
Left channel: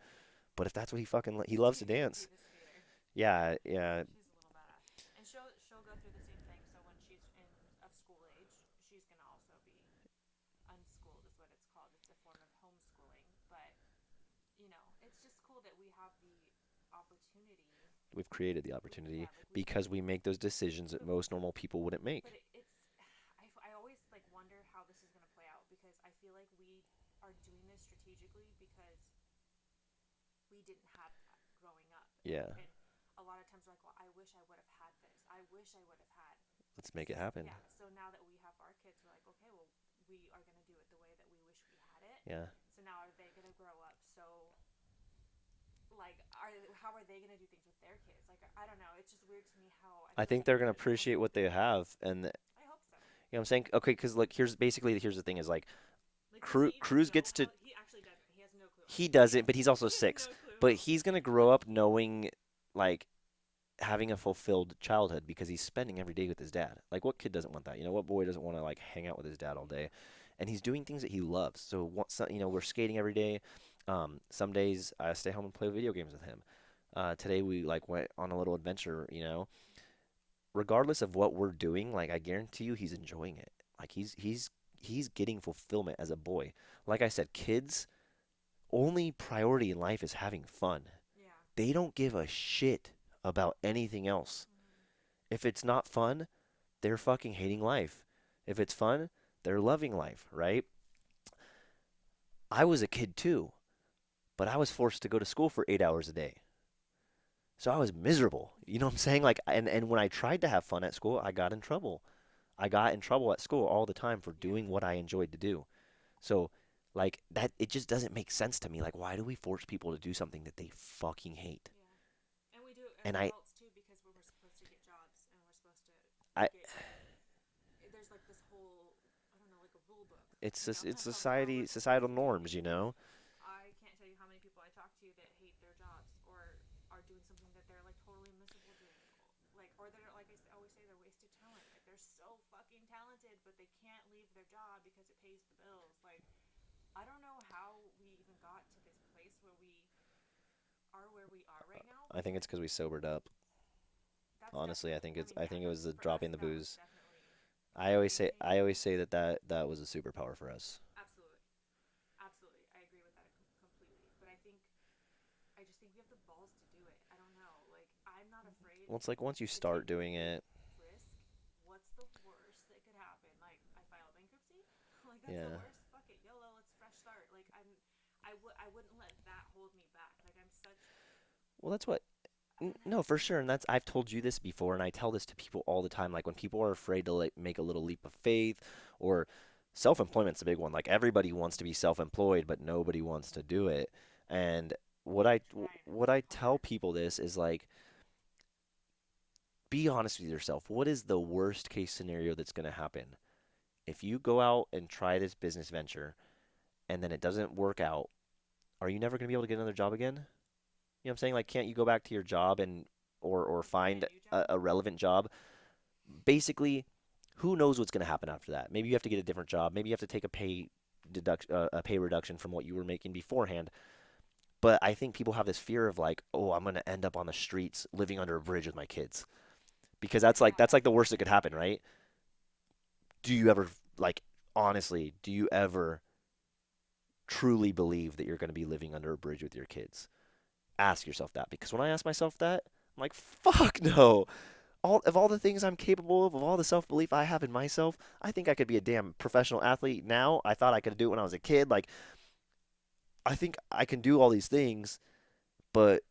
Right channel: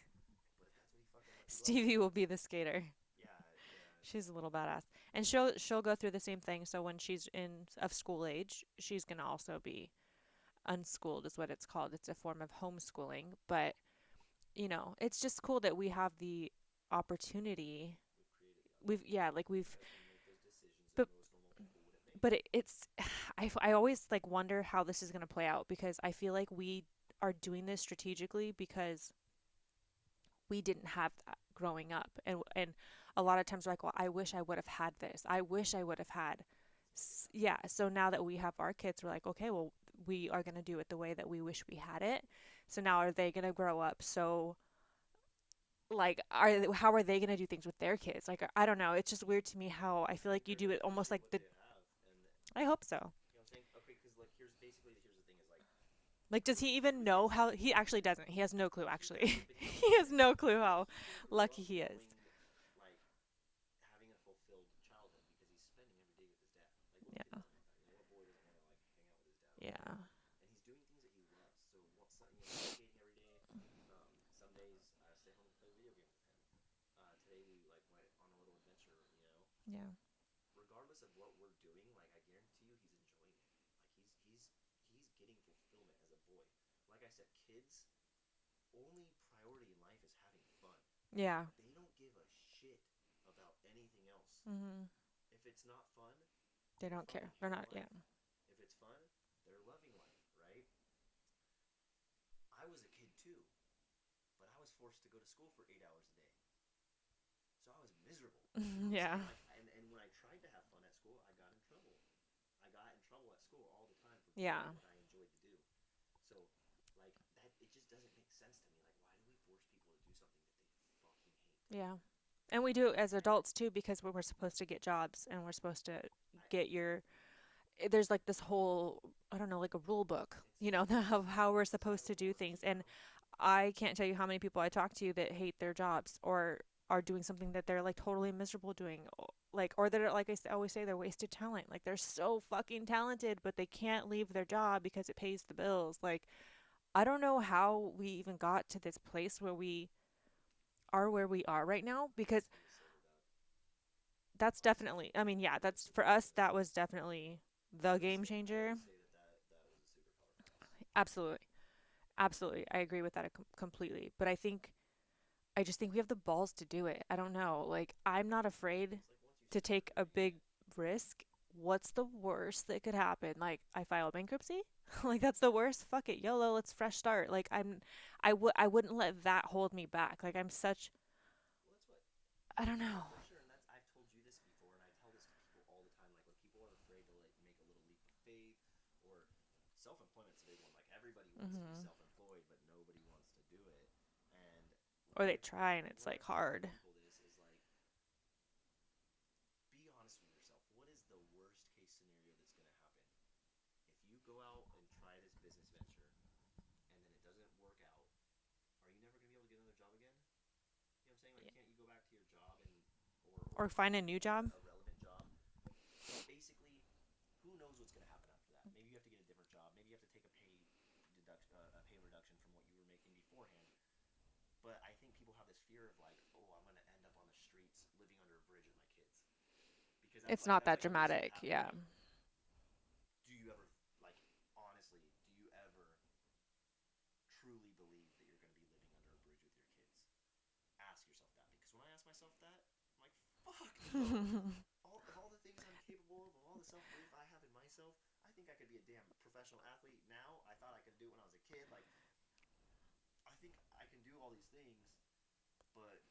but if that's what he loves to Stevie will be dance. the skater. Yeah, yeah. She's a little badass, and she'll go through the same thing. So when she's in of school age, she's gonna also be unschooled, is what it's called. It's a form of homeschooling, but it's just cool that we have the opportunity. We've created the We've opportunity yeah, like we've because we make those decisions that but most normal people wouldn't make. but it's I always like wonder how this is gonna play out because I feel like we are doing this strategically because we didn't have that growing up, and Yeah, a lot of times we're like, well, I wish I would have had this. I wish I would have had. let's make it happen. Yeah. So now that we have our kids, we're like, okay, well, we are gonna do it the way that we wish we had it. Yeah. So now are they gonna grow up so like how are they gonna do things with their kids? Like I don't know. It's just weird to me how I I feel like think you they're do gonna it almost appreciate like what they have, and I hope so. what I'm saying. Okay, because like here's the thing is like Like, does he even Cruz know gets to how? He actually doesn't. He has no clue. he Actually, doesn't, but he's he also has 6. no clue But how he's gonna grow lucky up he is. knowing like having a fulfilled childhood because he's spending every day with his dad. Like what kid Yeah. doesn't want that? What boy doesn't want to like hang out with his dad all day? Yeah. And he's doing things that he loves. So once we're skating every day. Some days I stay home and play video games with him. Today we like went on a little adventure. Yeah. Regardless of what we're doing, like I guarantee you he's enjoying it. Like he's getting fulfillment as a boy. Like I said, kids only priority in life is having fun. Yeah. They don't give a shit about anything else. Mhm. If it's not fun, They they're don't care. fucking They're hating not caring. life. If it's fun, they're loving life, right? I was a kid too, but I was forced to go to school for 8 hours a day. So I was miserable. You know what I'm Yeah. saying? Like and when I tried to have fun at school, I got in trouble. I got in trouble at school all the time for Yeah. doing what I enjoyed to do. So like that it just doesn't make sense to me. Like why do we force people to do something that they fucking hate? Yeah. And we do it as And adults too because we're supposed to get jobs and we're supposed to I get your. There's like this whole I don't know like a rule book, it's of how we're supposed societal to do norms, things. And I can't tell you how many people I talk to that hate their jobs or are doing something that they're like totally miserable doing, like or they're like always say they're wasted talent. Like they're so fucking talented, but they can't leave their job because it pays the bills. Like I don't know how we even got to this place where we are right now I think it's because because we sobered up. that's Honestly, definitely. I mean, I yeah, think it was that's the for us. dropping the That was booze. definitely the game I changer. always say that was a superpower for us. Absolutely. Absolutely. I agree with that completely. But I just think we have the balls to do it. I don't know. Like, I'm not Well, afraid it's like once you to start take a doing big it, risk. What's the worst that could happen? Like, I file bankruptcy? Like, that's the yeah. worst. Fuck it. YOLO, let's fresh start. Like, I wouldn't let that hold me back. Like, I'm such, Well, that's what. I don't No, know. for sure, and that's I've told you this before, and I tell this to people all the time. Like when people are afraid to like make a little leap of faith, or self-employment's a big one. Like everybody wants to be Hmm. self-employed, but nobody wants to do it. And Or they try and it's what like I tell hard. people this is like, be honest with yourself. What is the worst case scenario that's going to happen? If you go out and try this business venture and then it doesn't work out, are you never going to be able to get another job again? You know what I'm saying? Like, can't you go back to your job and or Or find a find new job. a relevant job? Basically, who knows what's going to happen after that? Maybe you have to get a different job. Maybe you have to take a pay reduction from what you were making beforehand. But I think people have this fear of like, oh, I'm going to end up on the streets living under a bridge with my kids because It's not that's that like the worst that could dramatic. happen, Yeah. right? Do you ever like honestly, do you ever truly believe that you're going to be living under a bridge with your kids? Ask yourself that because when I ask myself that, I'm like, fuck no. All the things I'm capable of all the self belief I have in myself, I think I could be a damn professional athlete now. I thought I could do it when I was a kid. Like I think I can do all these things, but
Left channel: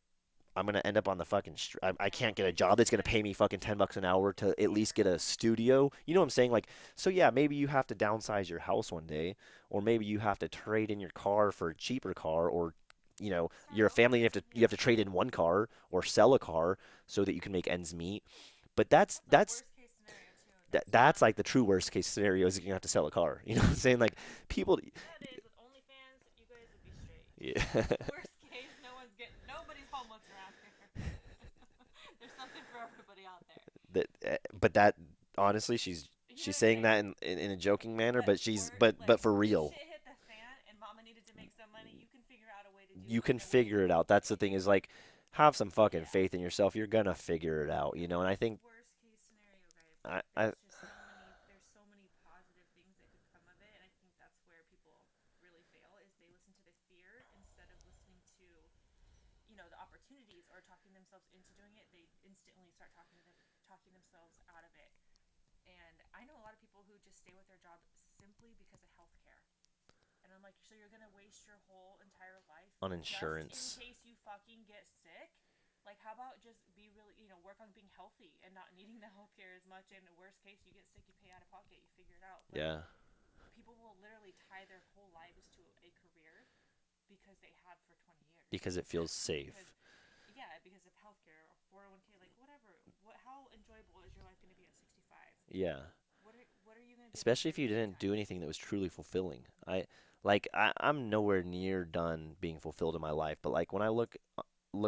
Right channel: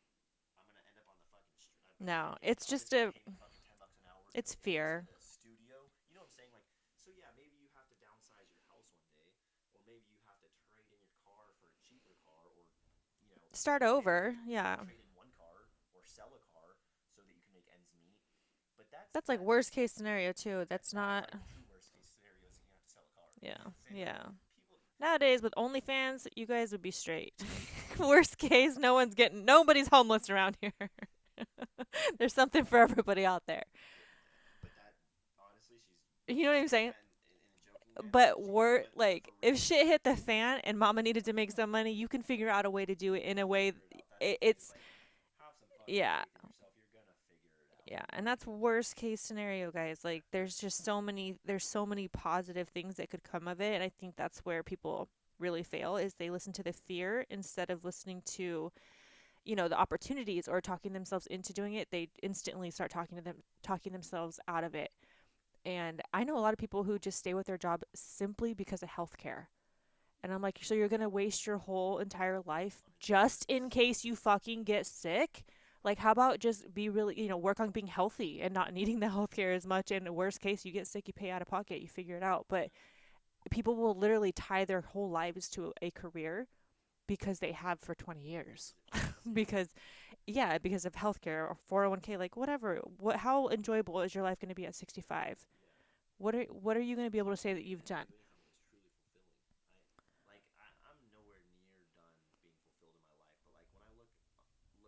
I'm gonna end up on the fucking. I No, can't get a it's job that's just gonna a, pay me fucking $10 an hour to it's at least fear. get a studio. You know what I'm saying? Like, so yeah, maybe you have to downsize your house one day, or maybe you have to trade in your car for a cheaper car, or Start you're a family, over. you have to Yeah. trade in one car or sell a car so that you can make ends meet. But That's like worst case scenario too. That's that's not. like the true worst case scenario is you have to sell a car. You Yeah. know what I'm saying? Like Yeah. people, Nowadays with OnlyFans, you guys would be straight. yeah, Worst case, nobody's homeless around here. There's something for everybody out there. but that honestly, You know she's what I'm saying saying? that in a joking manner, But but like, for if real, shit hit the fan and mama needed to make some money, you can figure out a way to do you it in can a way. figure it out. That's the thing is It's like, have some fucking yeah. faith in yourself. You're gonna figure it out, Yeah, you know. and And I that's think worst case scenario, guys. I, Like, I there's so many positive things that could come of it, and I think that's where people really fail is they listen to the fear instead of listening to, the opportunities or talking themselves into doing it. They instantly start talking themselves out of it. And I know a lot of people who just stay with their job simply because of healthcare. And I'm like, so you're going to waste your whole entire life on just in insurance, case you fucking get sick? Like, how about just be really, work on being healthy and not needing the healthcare as much? And worst case, you get sick, you pay out of pocket, you figure it out. But yeah, people will literally tie their whole lives to a career because they have for 20 years. because it feels safe. Because, yeah, because of healthcare or 401k, like whatever. How enjoyable is your life going to be at 65? Yeah. What are you going to be able to Especially say if that you you've didn't done? do anything that was truly fulfilling. I'm nowhere near done being fulfilled in my life, but like when I look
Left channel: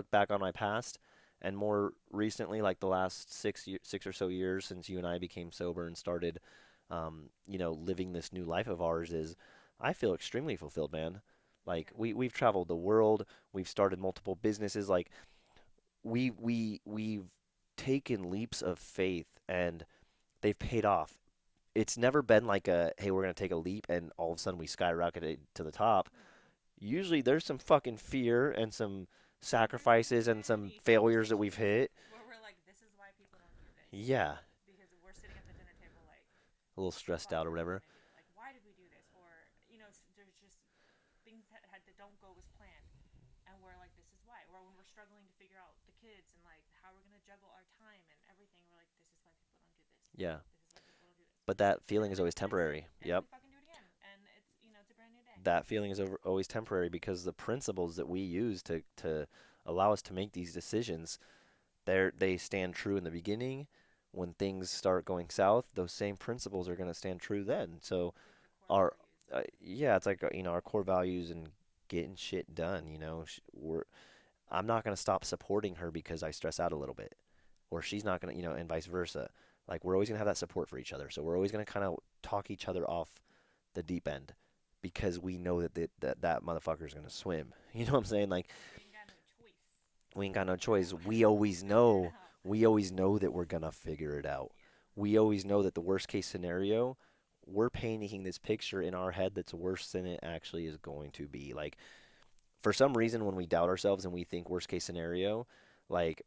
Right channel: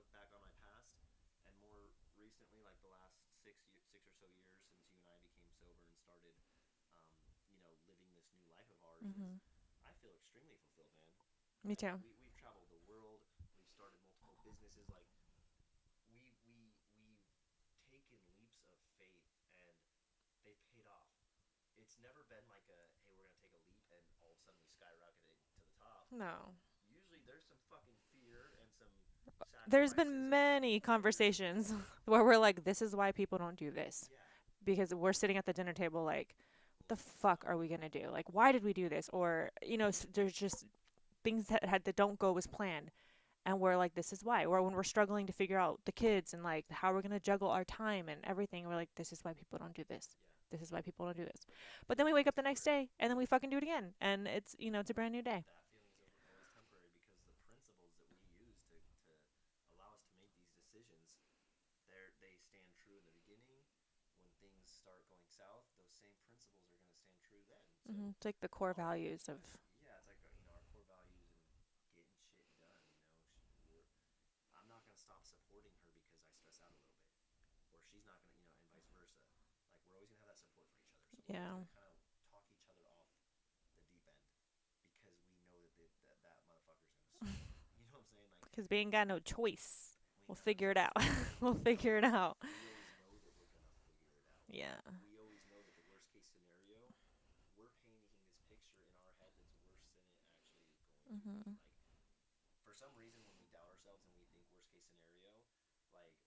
back on my past and more recently like the last 6 or so years since you and I became sober and started living this new life of ours is Hmm. I feel extremely fulfilled, man. Me Like too. we've traveled the world, we've started multiple businesses, like we've taken leaps of faith and they've paid off. It's never been like a hey, we're gonna take a leap and all of a sudden we skyrocketed to the top. No. Usually there's some fucking fear and some There's sacrifices been and some many failures that we've conversations hit. where we're like, this is why people don't do this. Yeah, Because we're sitting at the dinner table like, a little the stressed fuck out or are we whatever. going to do? Like, why did we do this? Or, there's just things that don't go as planned. And we're like, this is why. Or when we're struggling to figure out the kids and like how we're going to juggle our time and everything, we're like, this is why people don't do this. Yeah, This is why people don't do this. but that But then feeling we is wake always up the next temporary. day and then Yep. we fucking do it again. And it's a brand new day. That feeling is always temporary because the principles that we use to allow us to make these decisions, they stand true in the beginning. When things start going south, those same principles are going to stand true then. So It's like the core our values of, yeah, it's like our core values and getting shit done. I'm not going to stop supporting her because I stress out a little bit, or she's not going to, and vice versa. Like we're always going to have that support for each other. So we're always yeah. going to kind of talk each other off the deep end because we know that that motherfucker is going to swim. You know what I'm saying? Like Because we ain't got no choice. We ain't We'll got no figure it choice. out. We We'll always figure it know. out. We always know that we're gonna figure it out. Yeah. We always know that the worst case scenario, we're painting this picture in our head that's worse than it actually is going to be. Mhm. Like for some reason, when we doubt ourselves and we think worst case scenario, like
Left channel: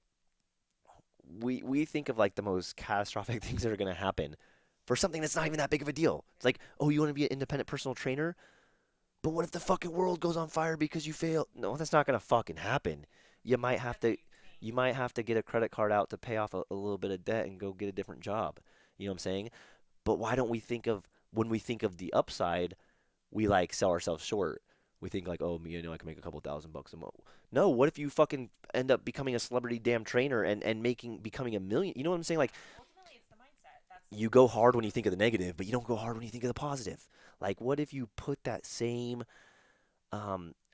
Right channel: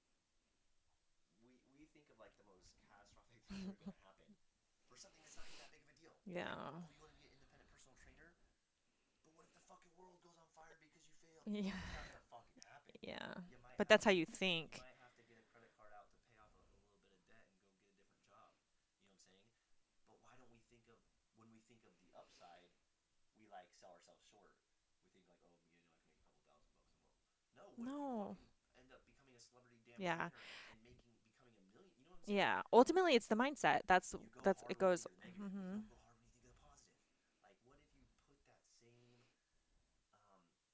we think of like the most catastrophic things that are gonna happen for something that's not even that big of a deal. It's Yeah. like, oh, you want to be an independent personal trainer? But what if the fucking world goes on fire because you fail? Yeah. No, that's not gonna fucking happen. Yeah. You might But have that's how to you you think. might have to get a credit card out to pay off a little bit of debt and go get a different job. You know what I'm saying? But why don't we think of when we think of the upside, we like sell ourselves short. We think like, oh, I can make a couple $1,000 a month. No, what if you No. fucking end up becoming a celebrity damn Yeah. trainer and becoming a million? You know what I'm saying? Like Yeah. Ultimately, it's the mindset. you go That's hard it when you think goes. of the negative, but you Mhm. don't go hard when you think of the positive. Like what if you put that same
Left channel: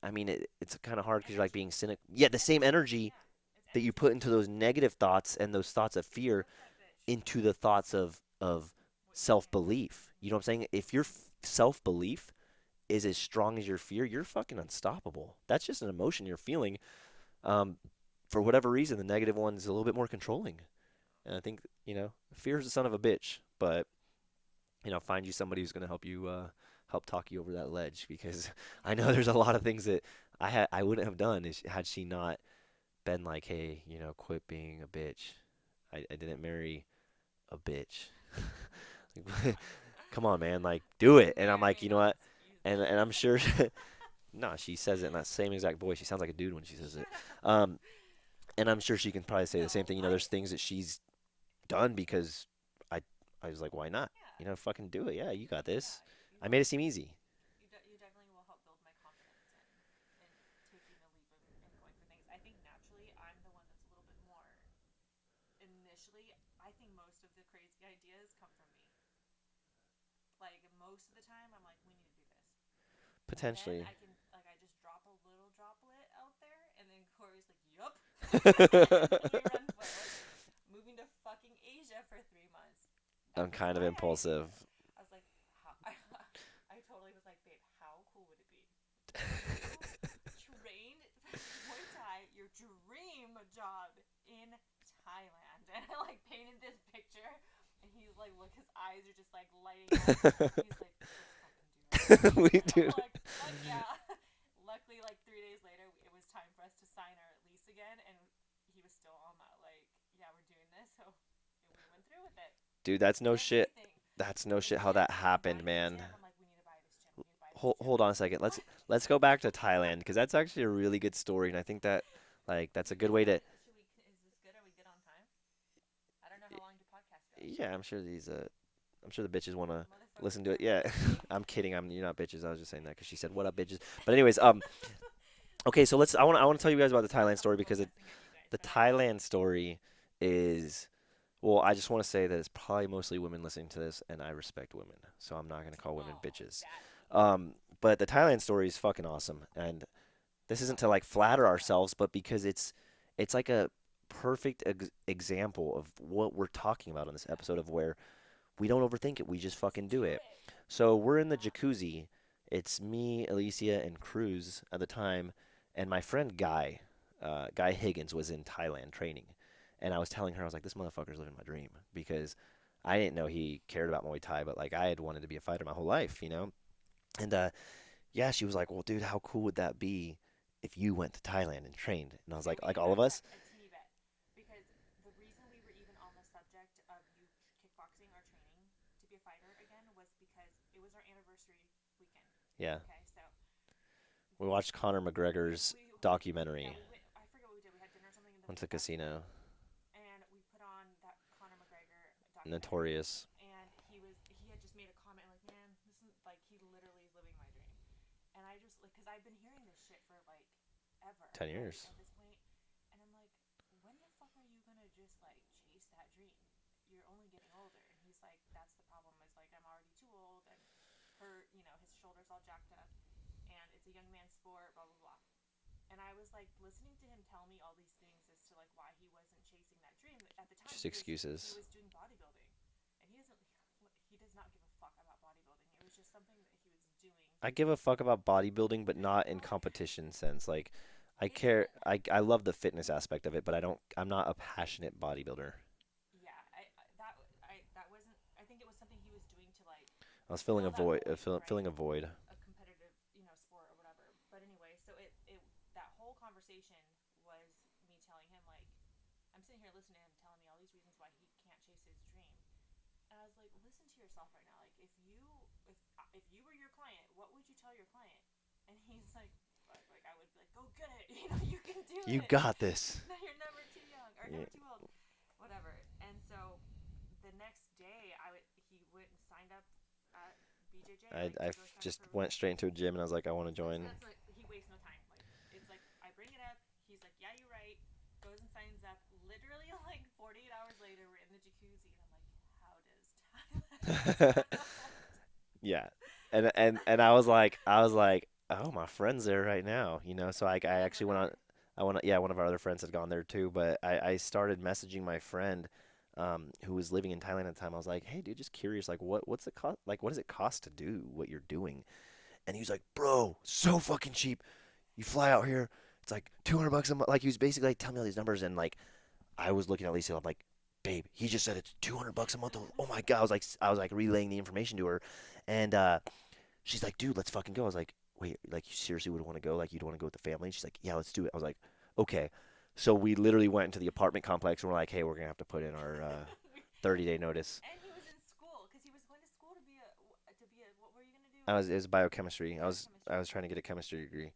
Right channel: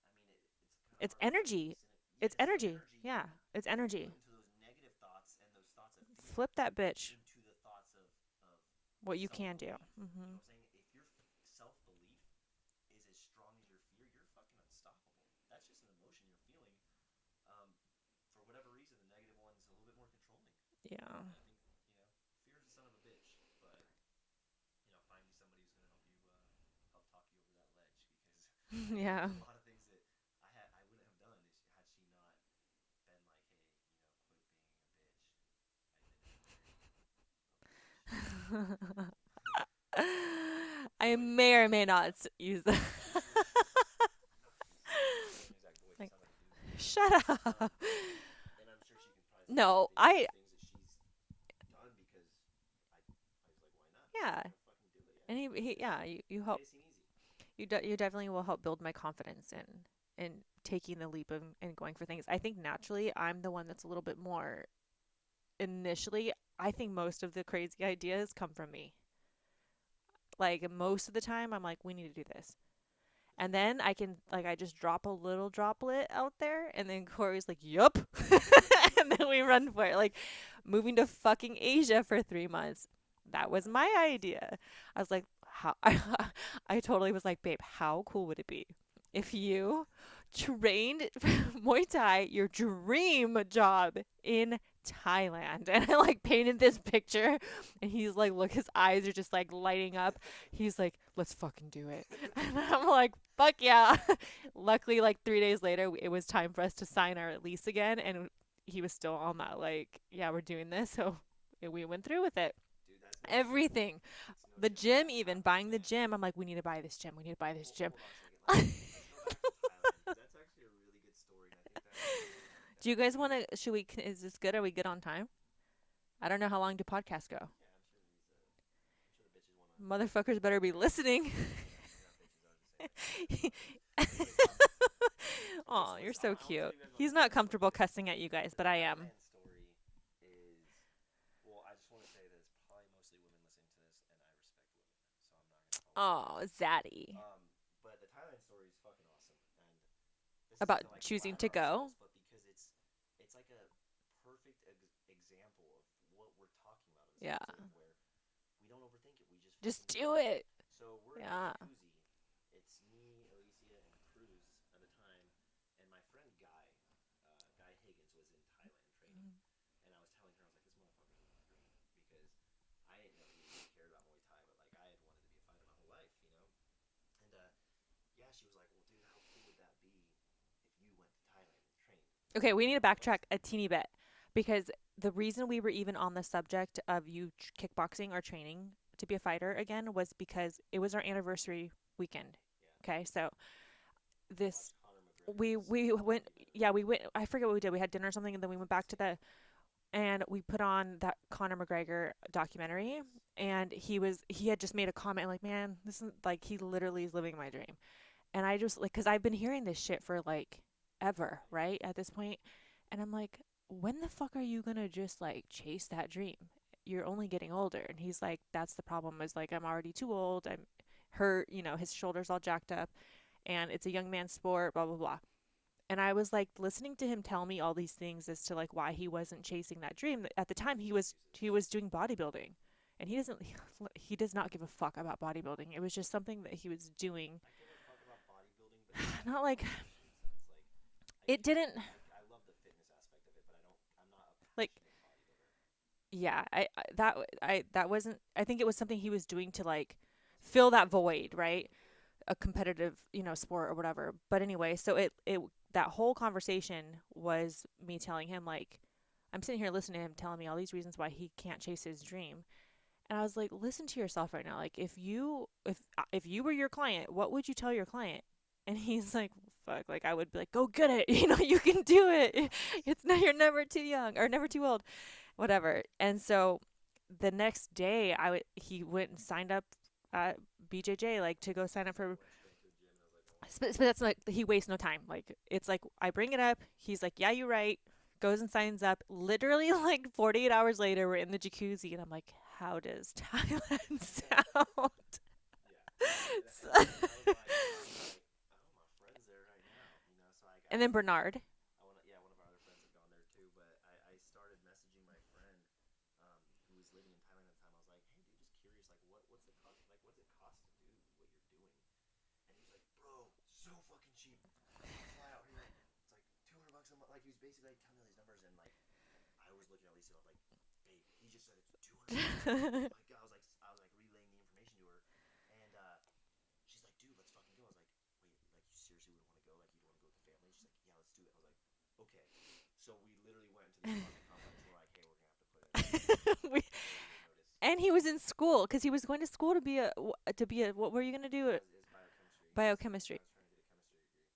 I mean, it's kind of It's hard because you're like being energy. cynical. Yeah, It's the same energy. energy Yeah. It's that you put energy. into those negative thoughts and those thoughts of fear Flip that bitch. into the thoughts of What you self can do. belief. You Mhm. know what I'm saying? If your self belief is as strong as your fear, you're fucking unstoppable. That's just an emotion you're feeling. Um, for whatever reason, the negative one's a little bit more controlling. Yeah. And I think, fear is the son of a bitch, but find you somebody who's going to help you help talk you over that ledge because I know there's Yeah. a lot of things that I wouldn't have done had she not been like, hey, quit being a bitch. I didn't marry a bitch. Come on, man, like I do it. And may I'm or like, may you know not what? use that. And I'm sure no, she says it in that same exact voice. She Like, sounds like a dude when she says it. shut up. And I'm sure she can probably say the same No, thing. There's I. things that she's done because I I was like, why not? Yeah. Fucking do it. Yeah, And you got yeah, this. you I made help. it seem easy. You definitely will help build my confidence in taking the leap and going for things. I think naturally I'm the one that's a little bit more initially. I think most of the crazy ideas come from me. Like most of the time, I'm like, we need to do this. And then Potentially. I can I just drop a little droplet out there, and then Corey's like, "Yup," and then we run for it. Like moving to fucking Asia for 3 months, that I'm was kind of my impulsive. idea. I was like, "How?" I totally was like, "Babe, how cool would it be if you trained Muay Thai, your dream job in Thailand?" And I like painted this picture, and he's like, "Look, his eyes are just like lighting up." He's like, "Let's fucking do it." We I'm do. like, "Fuck yeah." Luckily, like 3 days later, it was time for us to sign our lease again, and he was still on that, like, yeah, we're doing this. So we went through with it. Dude, that's no shit. Everything. That's no The shit how gym, that even happened, buying the man. gym. I'm like, we need to buy this gym. We need to buy this Hold, gym. hold on a second. Let's go back to Thailand because that's actually a really good story, and I think that like Do that's you a good guys way want to. to, should we, is this good? Are we good on time? I don't know how long do podcasts go. Yeah, I'm sure the bitches want to Motherfuckers listen to better it. be Yeah, listening. I'm kidding. You're not bitches. I was just saying that because she said, "What up, bitches?" But anyways, okay. So Aw, you're let's. so I want to cute. tell you guys about He's the not Thailand story comfortable because cussing at you guys, the but I am. Thailand story is. Well, I just want to say that it's probably mostly women listening to this, and I respect women, so I'm not gonna call women Oh, bitches. zaddy. But the Thailand story is fucking awesome, and this isn't About to like choosing flatter to go. ourselves, but because it's like a perfect example of what we're talking about in this Yeah. episode of where we don't overthink it, we just Just fucking do do it. it. So we're in the Yeah. jacuzzi. It's me, Alicia, and Cruz at the time, and my friend Guy Higgins was in Thailand training, and I was telling her I was like, this motherfucker's living my dream because I didn't know he cared about Muay Thai, but like I had wanted to be a fighter my whole life. And yeah, she was like, well, dude, how cool would that be if you went to Thailand and trained? And I was Okay, we need like to all of backtrack us? a teeny bit because the reason we were even on the subject of you kickboxing or training to be a fighter again was because it was our anniversary weekend. Yeah. Okay, so We this watched Conor McGregor's we went, yeah, documentary, we went, I forget what we did. We had dinner or something, and then we went to went the back to the, casino, and we put on that Conor McGregor documentary, notorious, and he had just made a comment like, man, this is like, he literally is living my dream. And I just like, cuz I've been hearing this shit for like ever, 10 right? years. At this point. And I'm like, when the fuck are you going to just like chase that dream? You're only getting older. And he's like, that's the problem, is like, I'm already too old. I'm hurt, his shoulders all jacked up, and it's a young man's sport, blah blah blah. And I was like listening to him tell me all these things as to like why he wasn't chasing that dream. At the time, Just he excuses. was doing bodybuilding, and he does not give a fuck about bodybuilding. It was just something that he was doing. I give a fuck about bodybuilding, but not in Not like, competition sense. Like I It care. didn't I love the fitness aspect of it, but I'm not a like passionate bodybuilder. yeah, that wasn't I think it was something he was doing to like I was filling a fill that void, void, filling right? a void. A competitive, sport or whatever. But anyway, so it that whole conversation was me telling him like I'm sitting here listening to him telling me all these reasons why he can't chase his dream. And I was like, listen to yourself right now. Like if you were your client, what would you tell your client? And he's like, fuck, like I would be like, go get it. You can do You it. got this. It's not you're never too young or Yeah. never too old, whatever. And so the next day he went and signed up at BJJ like to go sign up Just for went straight into a gym and I was like, I want to but join. that's like he wastes no time. Like it's like I bring it up. He's like, "Yeah, you're right." Goes and signs up. Literally, like 48 hours later, we're in the jacuzzi, and I'm like, "How does Thailand sound?" Yeah, and I was like, oh, my friend's there right now, you know. So I And then actually went. Bernard. I went. Yeah, one of our other friends had gone there too, but I started messaging my friend, who was living in Thailand at the time. I was like, hey, dude, just curious, like, what's it cost? Like, what does it cost to do what you're doing? And he was like, bro, so fucking cheap. You fly out here, it's like $200 a month. Like he was basically like telling me all these numbers, and like I was looking at Lisa, I'm like, babe, he just said it's $200 a month. I'm like, oh my god, I was like relaying the information to her, and she's like, dude, let's fucking go. I was like, wait, like you seriously would want to go? Like you'd want to go with the family? She's like, yeah, let's do it. I was like, okay. So we literally went into the apartment complex and we're like, hey, we're gonna have to put in our We, 30-day notice. and he was in school because he was going to school to be a what were you gonna do? It was biochemistry. I Biochemistry. was trying to get a chemistry degree.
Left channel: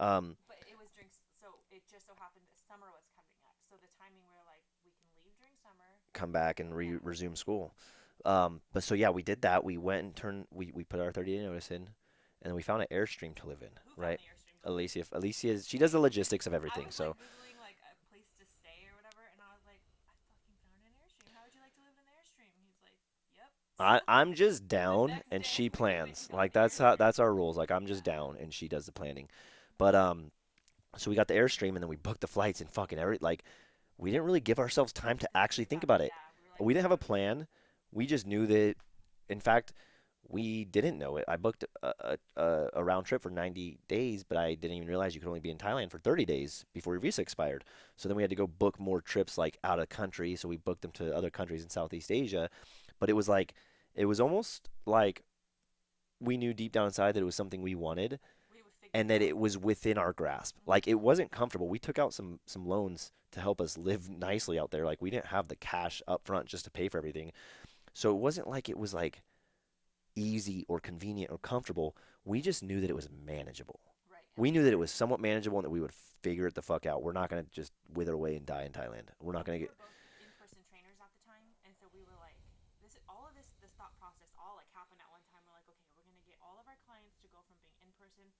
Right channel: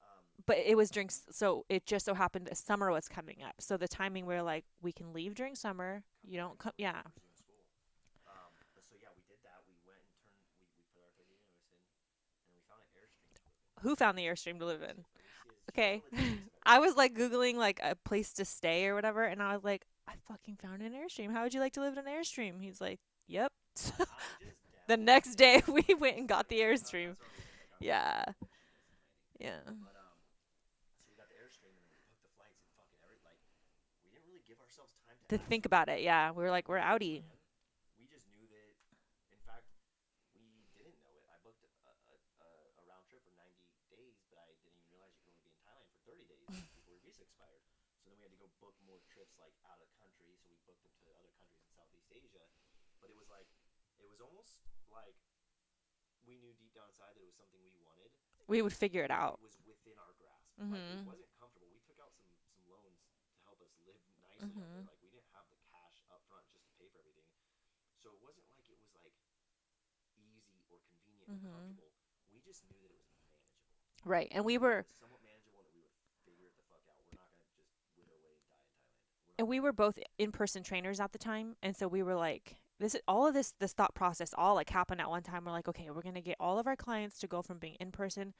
Um, But it was during so it just so happened that summer was coming up. So the timing where like we can leave during summer, come back and yeah. resume school. But so yeah, we did that. We went and turned. We put our 30-day notice in, and then we found an Airstream to live in. Who found Right, the Airstream to live in? Alicia, she does the Okay. logistics of I everything. was like So Googling like a place to stay or whatever, and I was like, I fucking found an Airstream. How would you like to live in an Airstream? He's like, yep. I'm just The down, next and day she we went plans. and got Like the Airstream. that's our rules. Like I'm just Yeah. down, and she does the planning. Yeah. But so we got the Airstream, and then we booked the flights and fucking every like we didn't really give ourselves time to To actually think think about about it, it. yeah. We were like, We we're didn't have a outie. plan. We just knew that. In fact, we didn't know it. I booked a round trip for 90 days, but I didn't even realize you could only be in Thailand for 30 days before your visa expired. So then we had to go book more trips like out of country. So we booked them to other countries in Southeast Asia. But it was almost like we knew deep down inside that it was something we wanted We would figure and it that out. it was within our grasp. Like it Mhm. wasn't comfortable. We took out some loans to help us live nicely out there. Mhm. Like we didn't have the cash up front just to pay for everything. So it wasn't like it was like easy or convenient or Mhm. comfortable. We just knew that it was manageable. Right. And We we knew that it were was somewhat manageable and that we would figure it the fuck out. We're not going to just wither away and die in Thailand. We're not and going we to were get. both in-person trainers at the time, and so we were like this all of this thought process all like happened at one time. We're like, okay, we're going to get all of our clients to go from being in person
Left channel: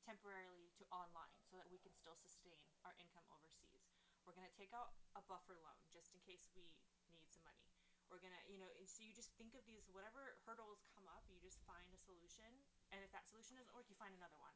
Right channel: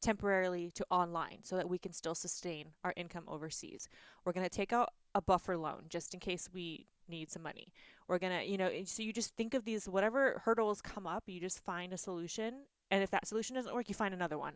temporarily to online so that we can still sustain our income overseas. We're going to take out a buffer loan just in case we need some money. We're going to, so you just think of these, whatever hurdles come up, you just find a solution. And if that solution doesn't work, you find another one.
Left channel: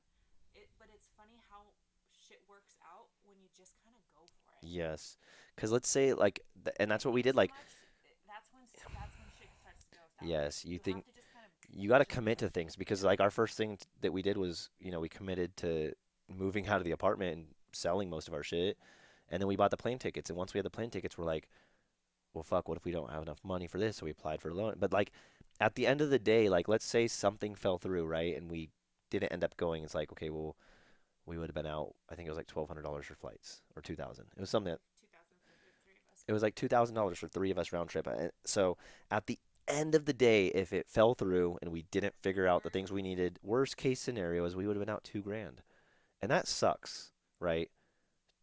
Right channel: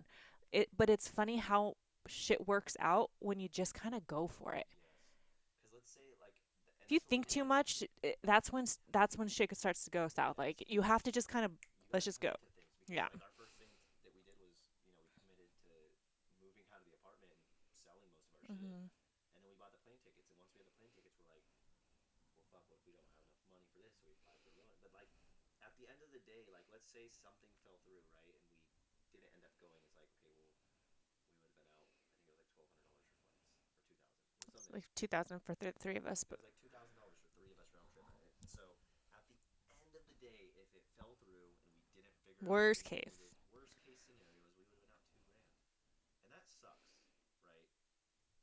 But it's funny how shit works out when you just kind of go for it. Yes. Because let's say, like, and If you that's what we think did. too Like, much, that's when shit starts to go south. Like yes, you have to just kind of you got to let's just go. commit to things because, Yeah. like, our first thing that we did was, we committed to moving out of the apartment and selling most of our shit. Mhm. And then we bought the plane tickets. And once we had the plane tickets, we're like, well, fuck, what if we don't have enough money for this? So we applied for a loan. But like at the end of the day, like let's say something fell through, right? And we didn't end up going. It's like, okay, well, we would have been out. I think it was like $1,200 for flights or 2,000. It was something. Like 2000 for three of us. It was like $2,000 for three of us round trip. So at the end of the day, if it fell through and we didn't figure out the Worst things we case. needed, worst case scenario is we would have been out 2 grand, and that sucks, right?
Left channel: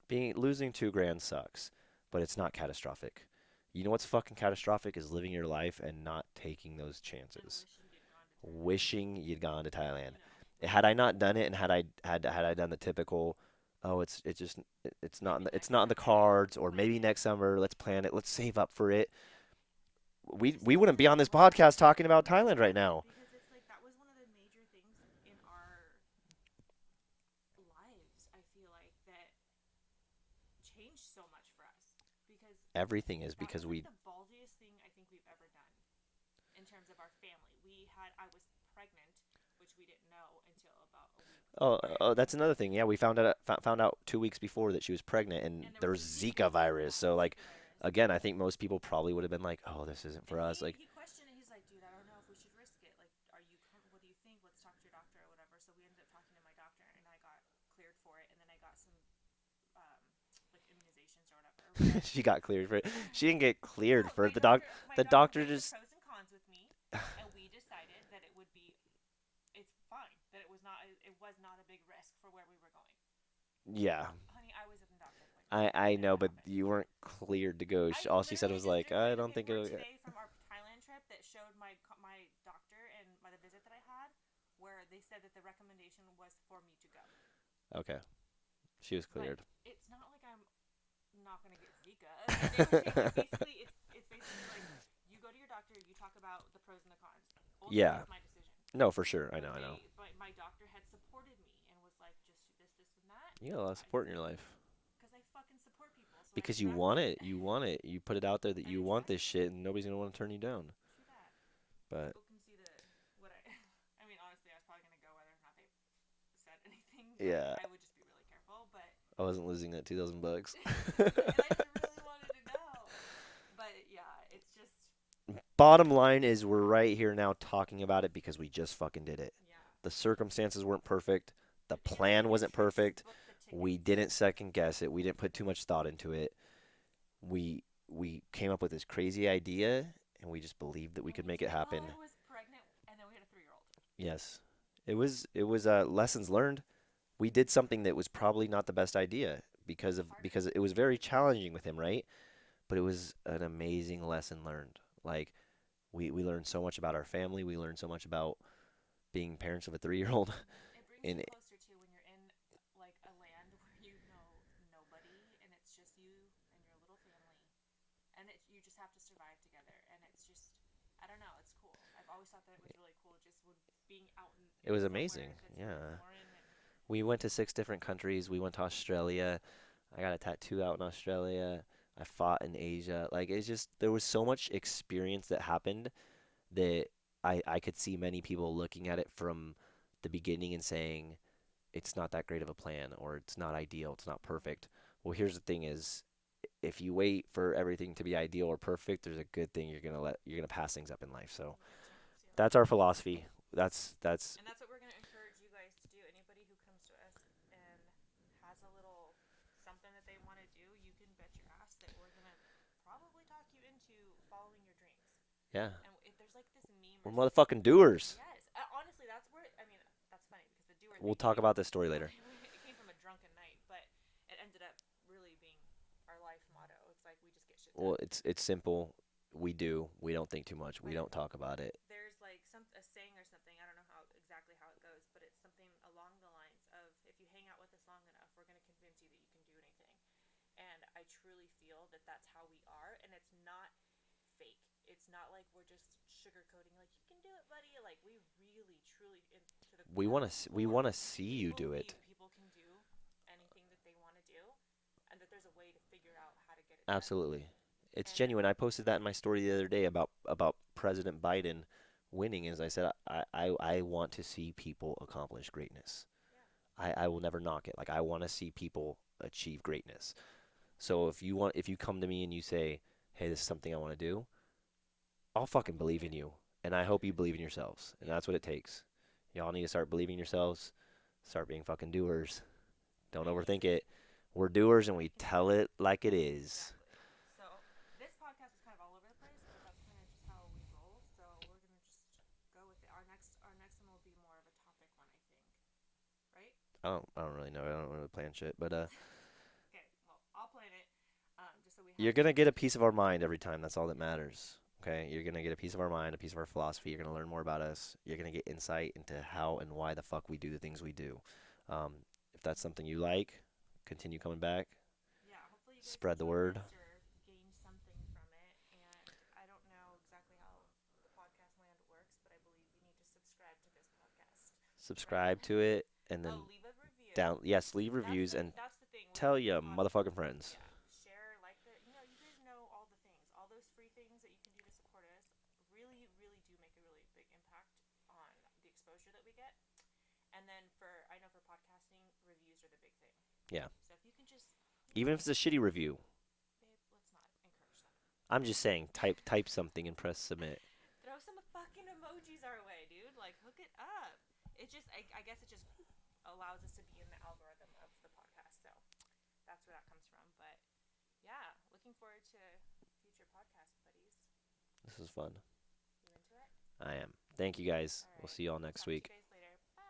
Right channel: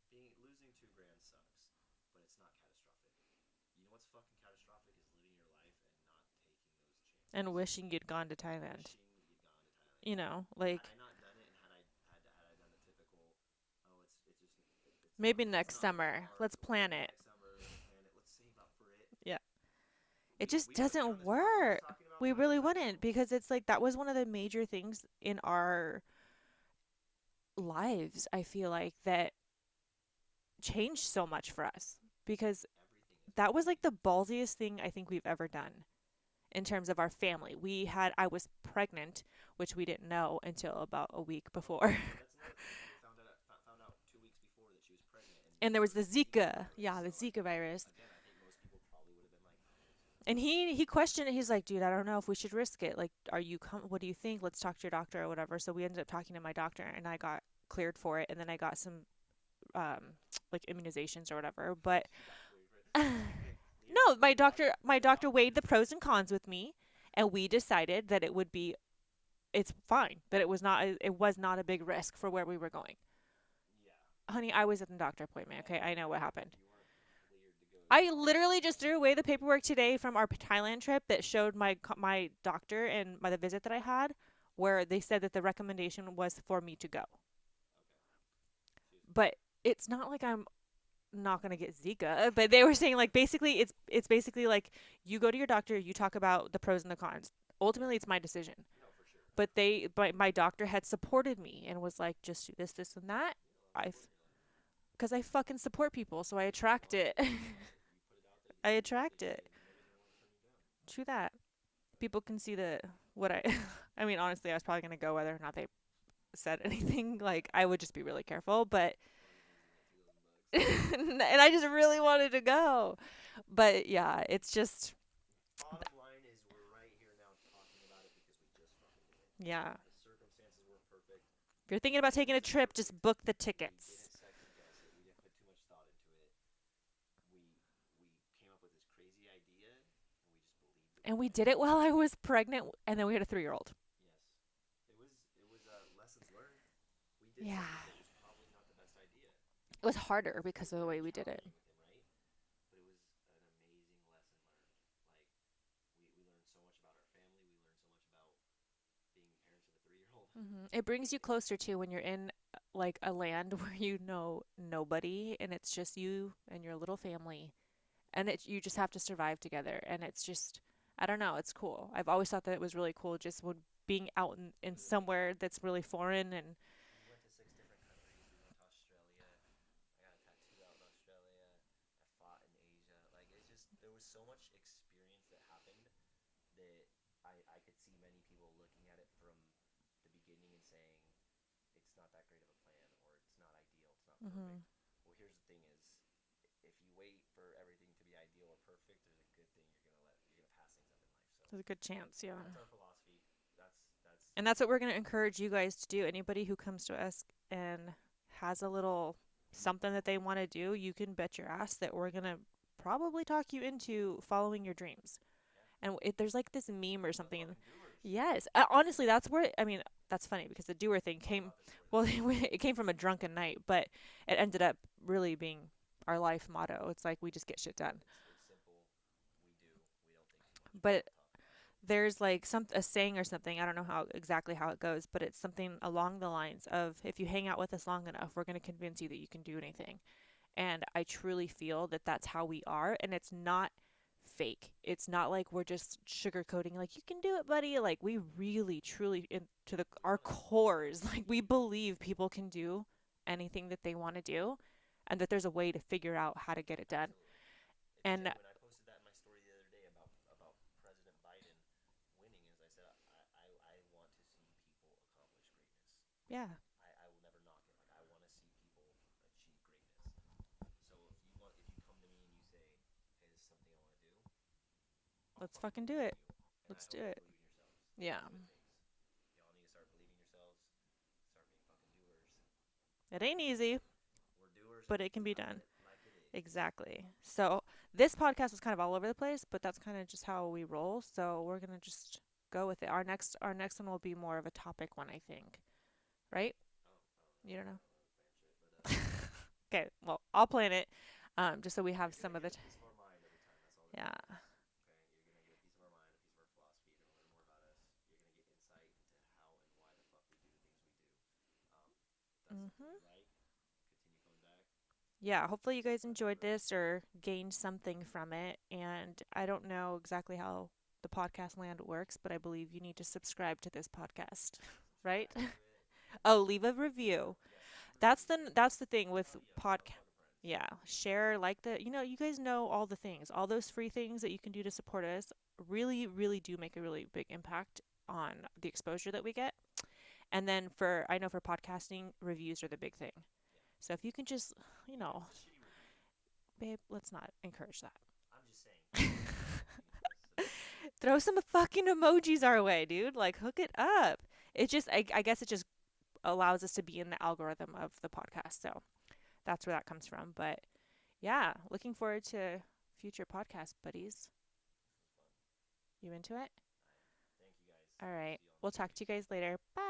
Being losing 2 grand sucks, but it's not catastrophic. You know what's fucking catastrophic is living your life and not taking those And chances. wishing you'd gone to Thailand. Wishing you'd gone to Thailand. Like Had I not done it and had I done the typical, oh, maybe it's next not in the summer. Let's cards, or plan maybe it. next summer, let's plan it, let's save up for it. Yeah. It We just we wouldn't be on doesn't this podcast work. talking about We really Thailand right wouldn't now. because it's like that was one of the major things in our lives, I feel like, that changed so much for us because Everything is that because was like we the ballsiest thing I think we've ever done in terms of our family. I was pregnant which we didn't know until about a week Oh, before. oh, that's another thing. Yeah, we found out 2 weeks before that she was pregnant, and And there there was was the Zika Zika, virus. yeah, the So like, Zika virus. again, I think most people probably would have been like, "Oh, this isn't And for us." Like, he questioned it. He's like, dude, I don't know if we should risk it. Like, what do you think? Let's talk to your doctor or whatever. So we ended up talking to my doctor, and I got cleared for it. And then I got some um like immunizations or whatever. But she got cleared for it. She didn't get cleared no, for it. my The doctor doctor weighed the just pros and cons with me, and we decided that it's fine. That it was not a big risk for where we were going. yeah. Honey, I was at the doctor appointment. Okay, I I know know, what but happened. you weren't cleared to go. I All she said literally was just like, threw "I away the don't think paperwork it'll get." today from our Thailand trip that showed my doctor and the visit that I had, where they said that the recommendation was for me to go. Okay, she was But cleared. it's not like I'm not gonna get Zika. But they were saying like basically it's basically like you go to your doctor, you talk about the pros and the cons. Ultimately, Yeah. it's my decision. No, for sure. I know. But I know. my doctor had supported me and was like, just do this, and that. You got a lot of I support in your life because I fucking support people, so I because you attract want it. it. You want it. You put it out there that I you want this attract it. shit, and nobody's gonna want to turn you down. True that. But People can see what I I mean, honestly, I was probably going to go whether or not they said anything. Like, yeah, I would just be really careful, but I wasn't losing that $2,000. and I just really wanted to go. But yeah, it's just Bottom line is, we're right here now talking about it because we just fucking did it. yeah. The circumstances weren't perfect. If The you're thinking about plan taking a wasn't trip, just perfect. book the tickets. We didn't second guess it. We didn't put too much thought into it. We came up with this crazy idea, and we just believed that we And could we make did it it happen. while I was pregnant, and then we had a 3-year-old. Yes. It was lessons learned. We did Yeah. something that was probably not the best idea It was because harder it because was of the very way we did it. challenging with him, right? But it was an amazing lesson learned. Like, we learned so much about our family. We learned so much about being parents of a 3-year-old. It brings you And closer to when you're in like a land where you know nobody and it's just you and your little family and you just have to survive together and it's just I don't know, it's cool. I've always thought that it was really cool just when being out it in was somewhere amazing. that's really Yeah. foreign and We went to 6 different countries. We went to Australia. I got a tattoo out in Australia. I fought in Asia. Like, it's just, there was so much experience that happened that I could see many people looking at it from the beginning and saying it's not that great of a plan, or it's not ideal, it's not mhm, perfect. Well, here's the thing is, if you wait for everything to be ideal or perfect, there's a good thing you're gonna pass things up in life. So there's a good chance, yeah. that's our philosophy. That's And that's what we're going to encourage you guys to do. Anybody who comes to us and has a little something that they want to do, you can bet your ass that we're going to probably talk you into following your dreams. yeah. And there's like this meme We're or something. motherfucking doers. Yes, honestly, that's where I mean that's funny because the doer We'll thing talk came. about this story Well, later. it came from a drunken night, but it ended up really being our life motto. It's like we just get shit done. Well, it's simple. We do. We don't think too much. We But don't talk about it. there's like a saying or something. I don't know exactly how it goes, but it's something along the lines of if you hang out with us long enough, we're going to convince you that you can do anything. And I truly feel that that's how we are, and it's not fake. It's not like we're just sugarcoating like you can do it, buddy. Like we really truly to the We our want to we want to cores, like see we you do it. believe people can do anything that they want to do and that there's a way to figure out how to get it done. Absolutely. It's And genuine. I posted that in my story the other day about President Biden winning. As I said, I want to see people accomplish greatness. yeah, I will never knock it. Like, I want to see people achieve greatness. So if you come to me and you say, "Hey, this is something I want to do," I'll let's fucking fucking do believe in it. you. And I Let's do hope you it. believe in yourselves. And Yeah. that's what it takes. Y'all need to start believing in yourselves. Start being fucking doers. It Don't ain't overthink easy, it. We're doers and but we it can be tell done. it like it is. Exactly. So this podcast is kind of all over the place, but that's kind of just how we roll. So we're gonna just go with it. Our next one will be more of a topic one, I think. Right? I don't really You know. don't I know? don't really plan shit, but Okay. Well, I'll plan it. Just so we you're have gonna some of get the a piece of our mind every time. That's all that yeah. matters. Okay, you're gonna get a piece of our mind, a piece of our philosophy. You're gonna learn more about us. You're gonna get insight into how and why the fuck we do the things we do. Um, if that's something hmm you like, continue coming back. Yeah. Hopefully you guys Spread the enjoyed word. this or gained something from it. And I don't know exactly how the podcast land works, but I believe you need to subscribe to this podcast, right? Subscribe to it, and then Oh, leave a review. down. Yes, leave That's reviews the and that's the thing with tell your pod. motherfucking friends. Yeah, share like you guys know all the things, all those free things that you can do to support us. Really, really do make a really big impact on the exposure that we get. And then for I know for podcasting, reviews are the big thing. Yeah. So if you can just, Even if it's a shitty review, babe, let's not encourage that. I'm just saying, type something and press submit. Throw some fucking emojis our way, dude. Like hook it up. It just I guess it just allows us to be in the algorithm of the podcast. So that's where that comes from. But yeah, looking forward to future podcast buddies. This is fun. You into it? I am. Thank you guys. All We'll right. see you all We'll next talk to you week. guys later. Bye.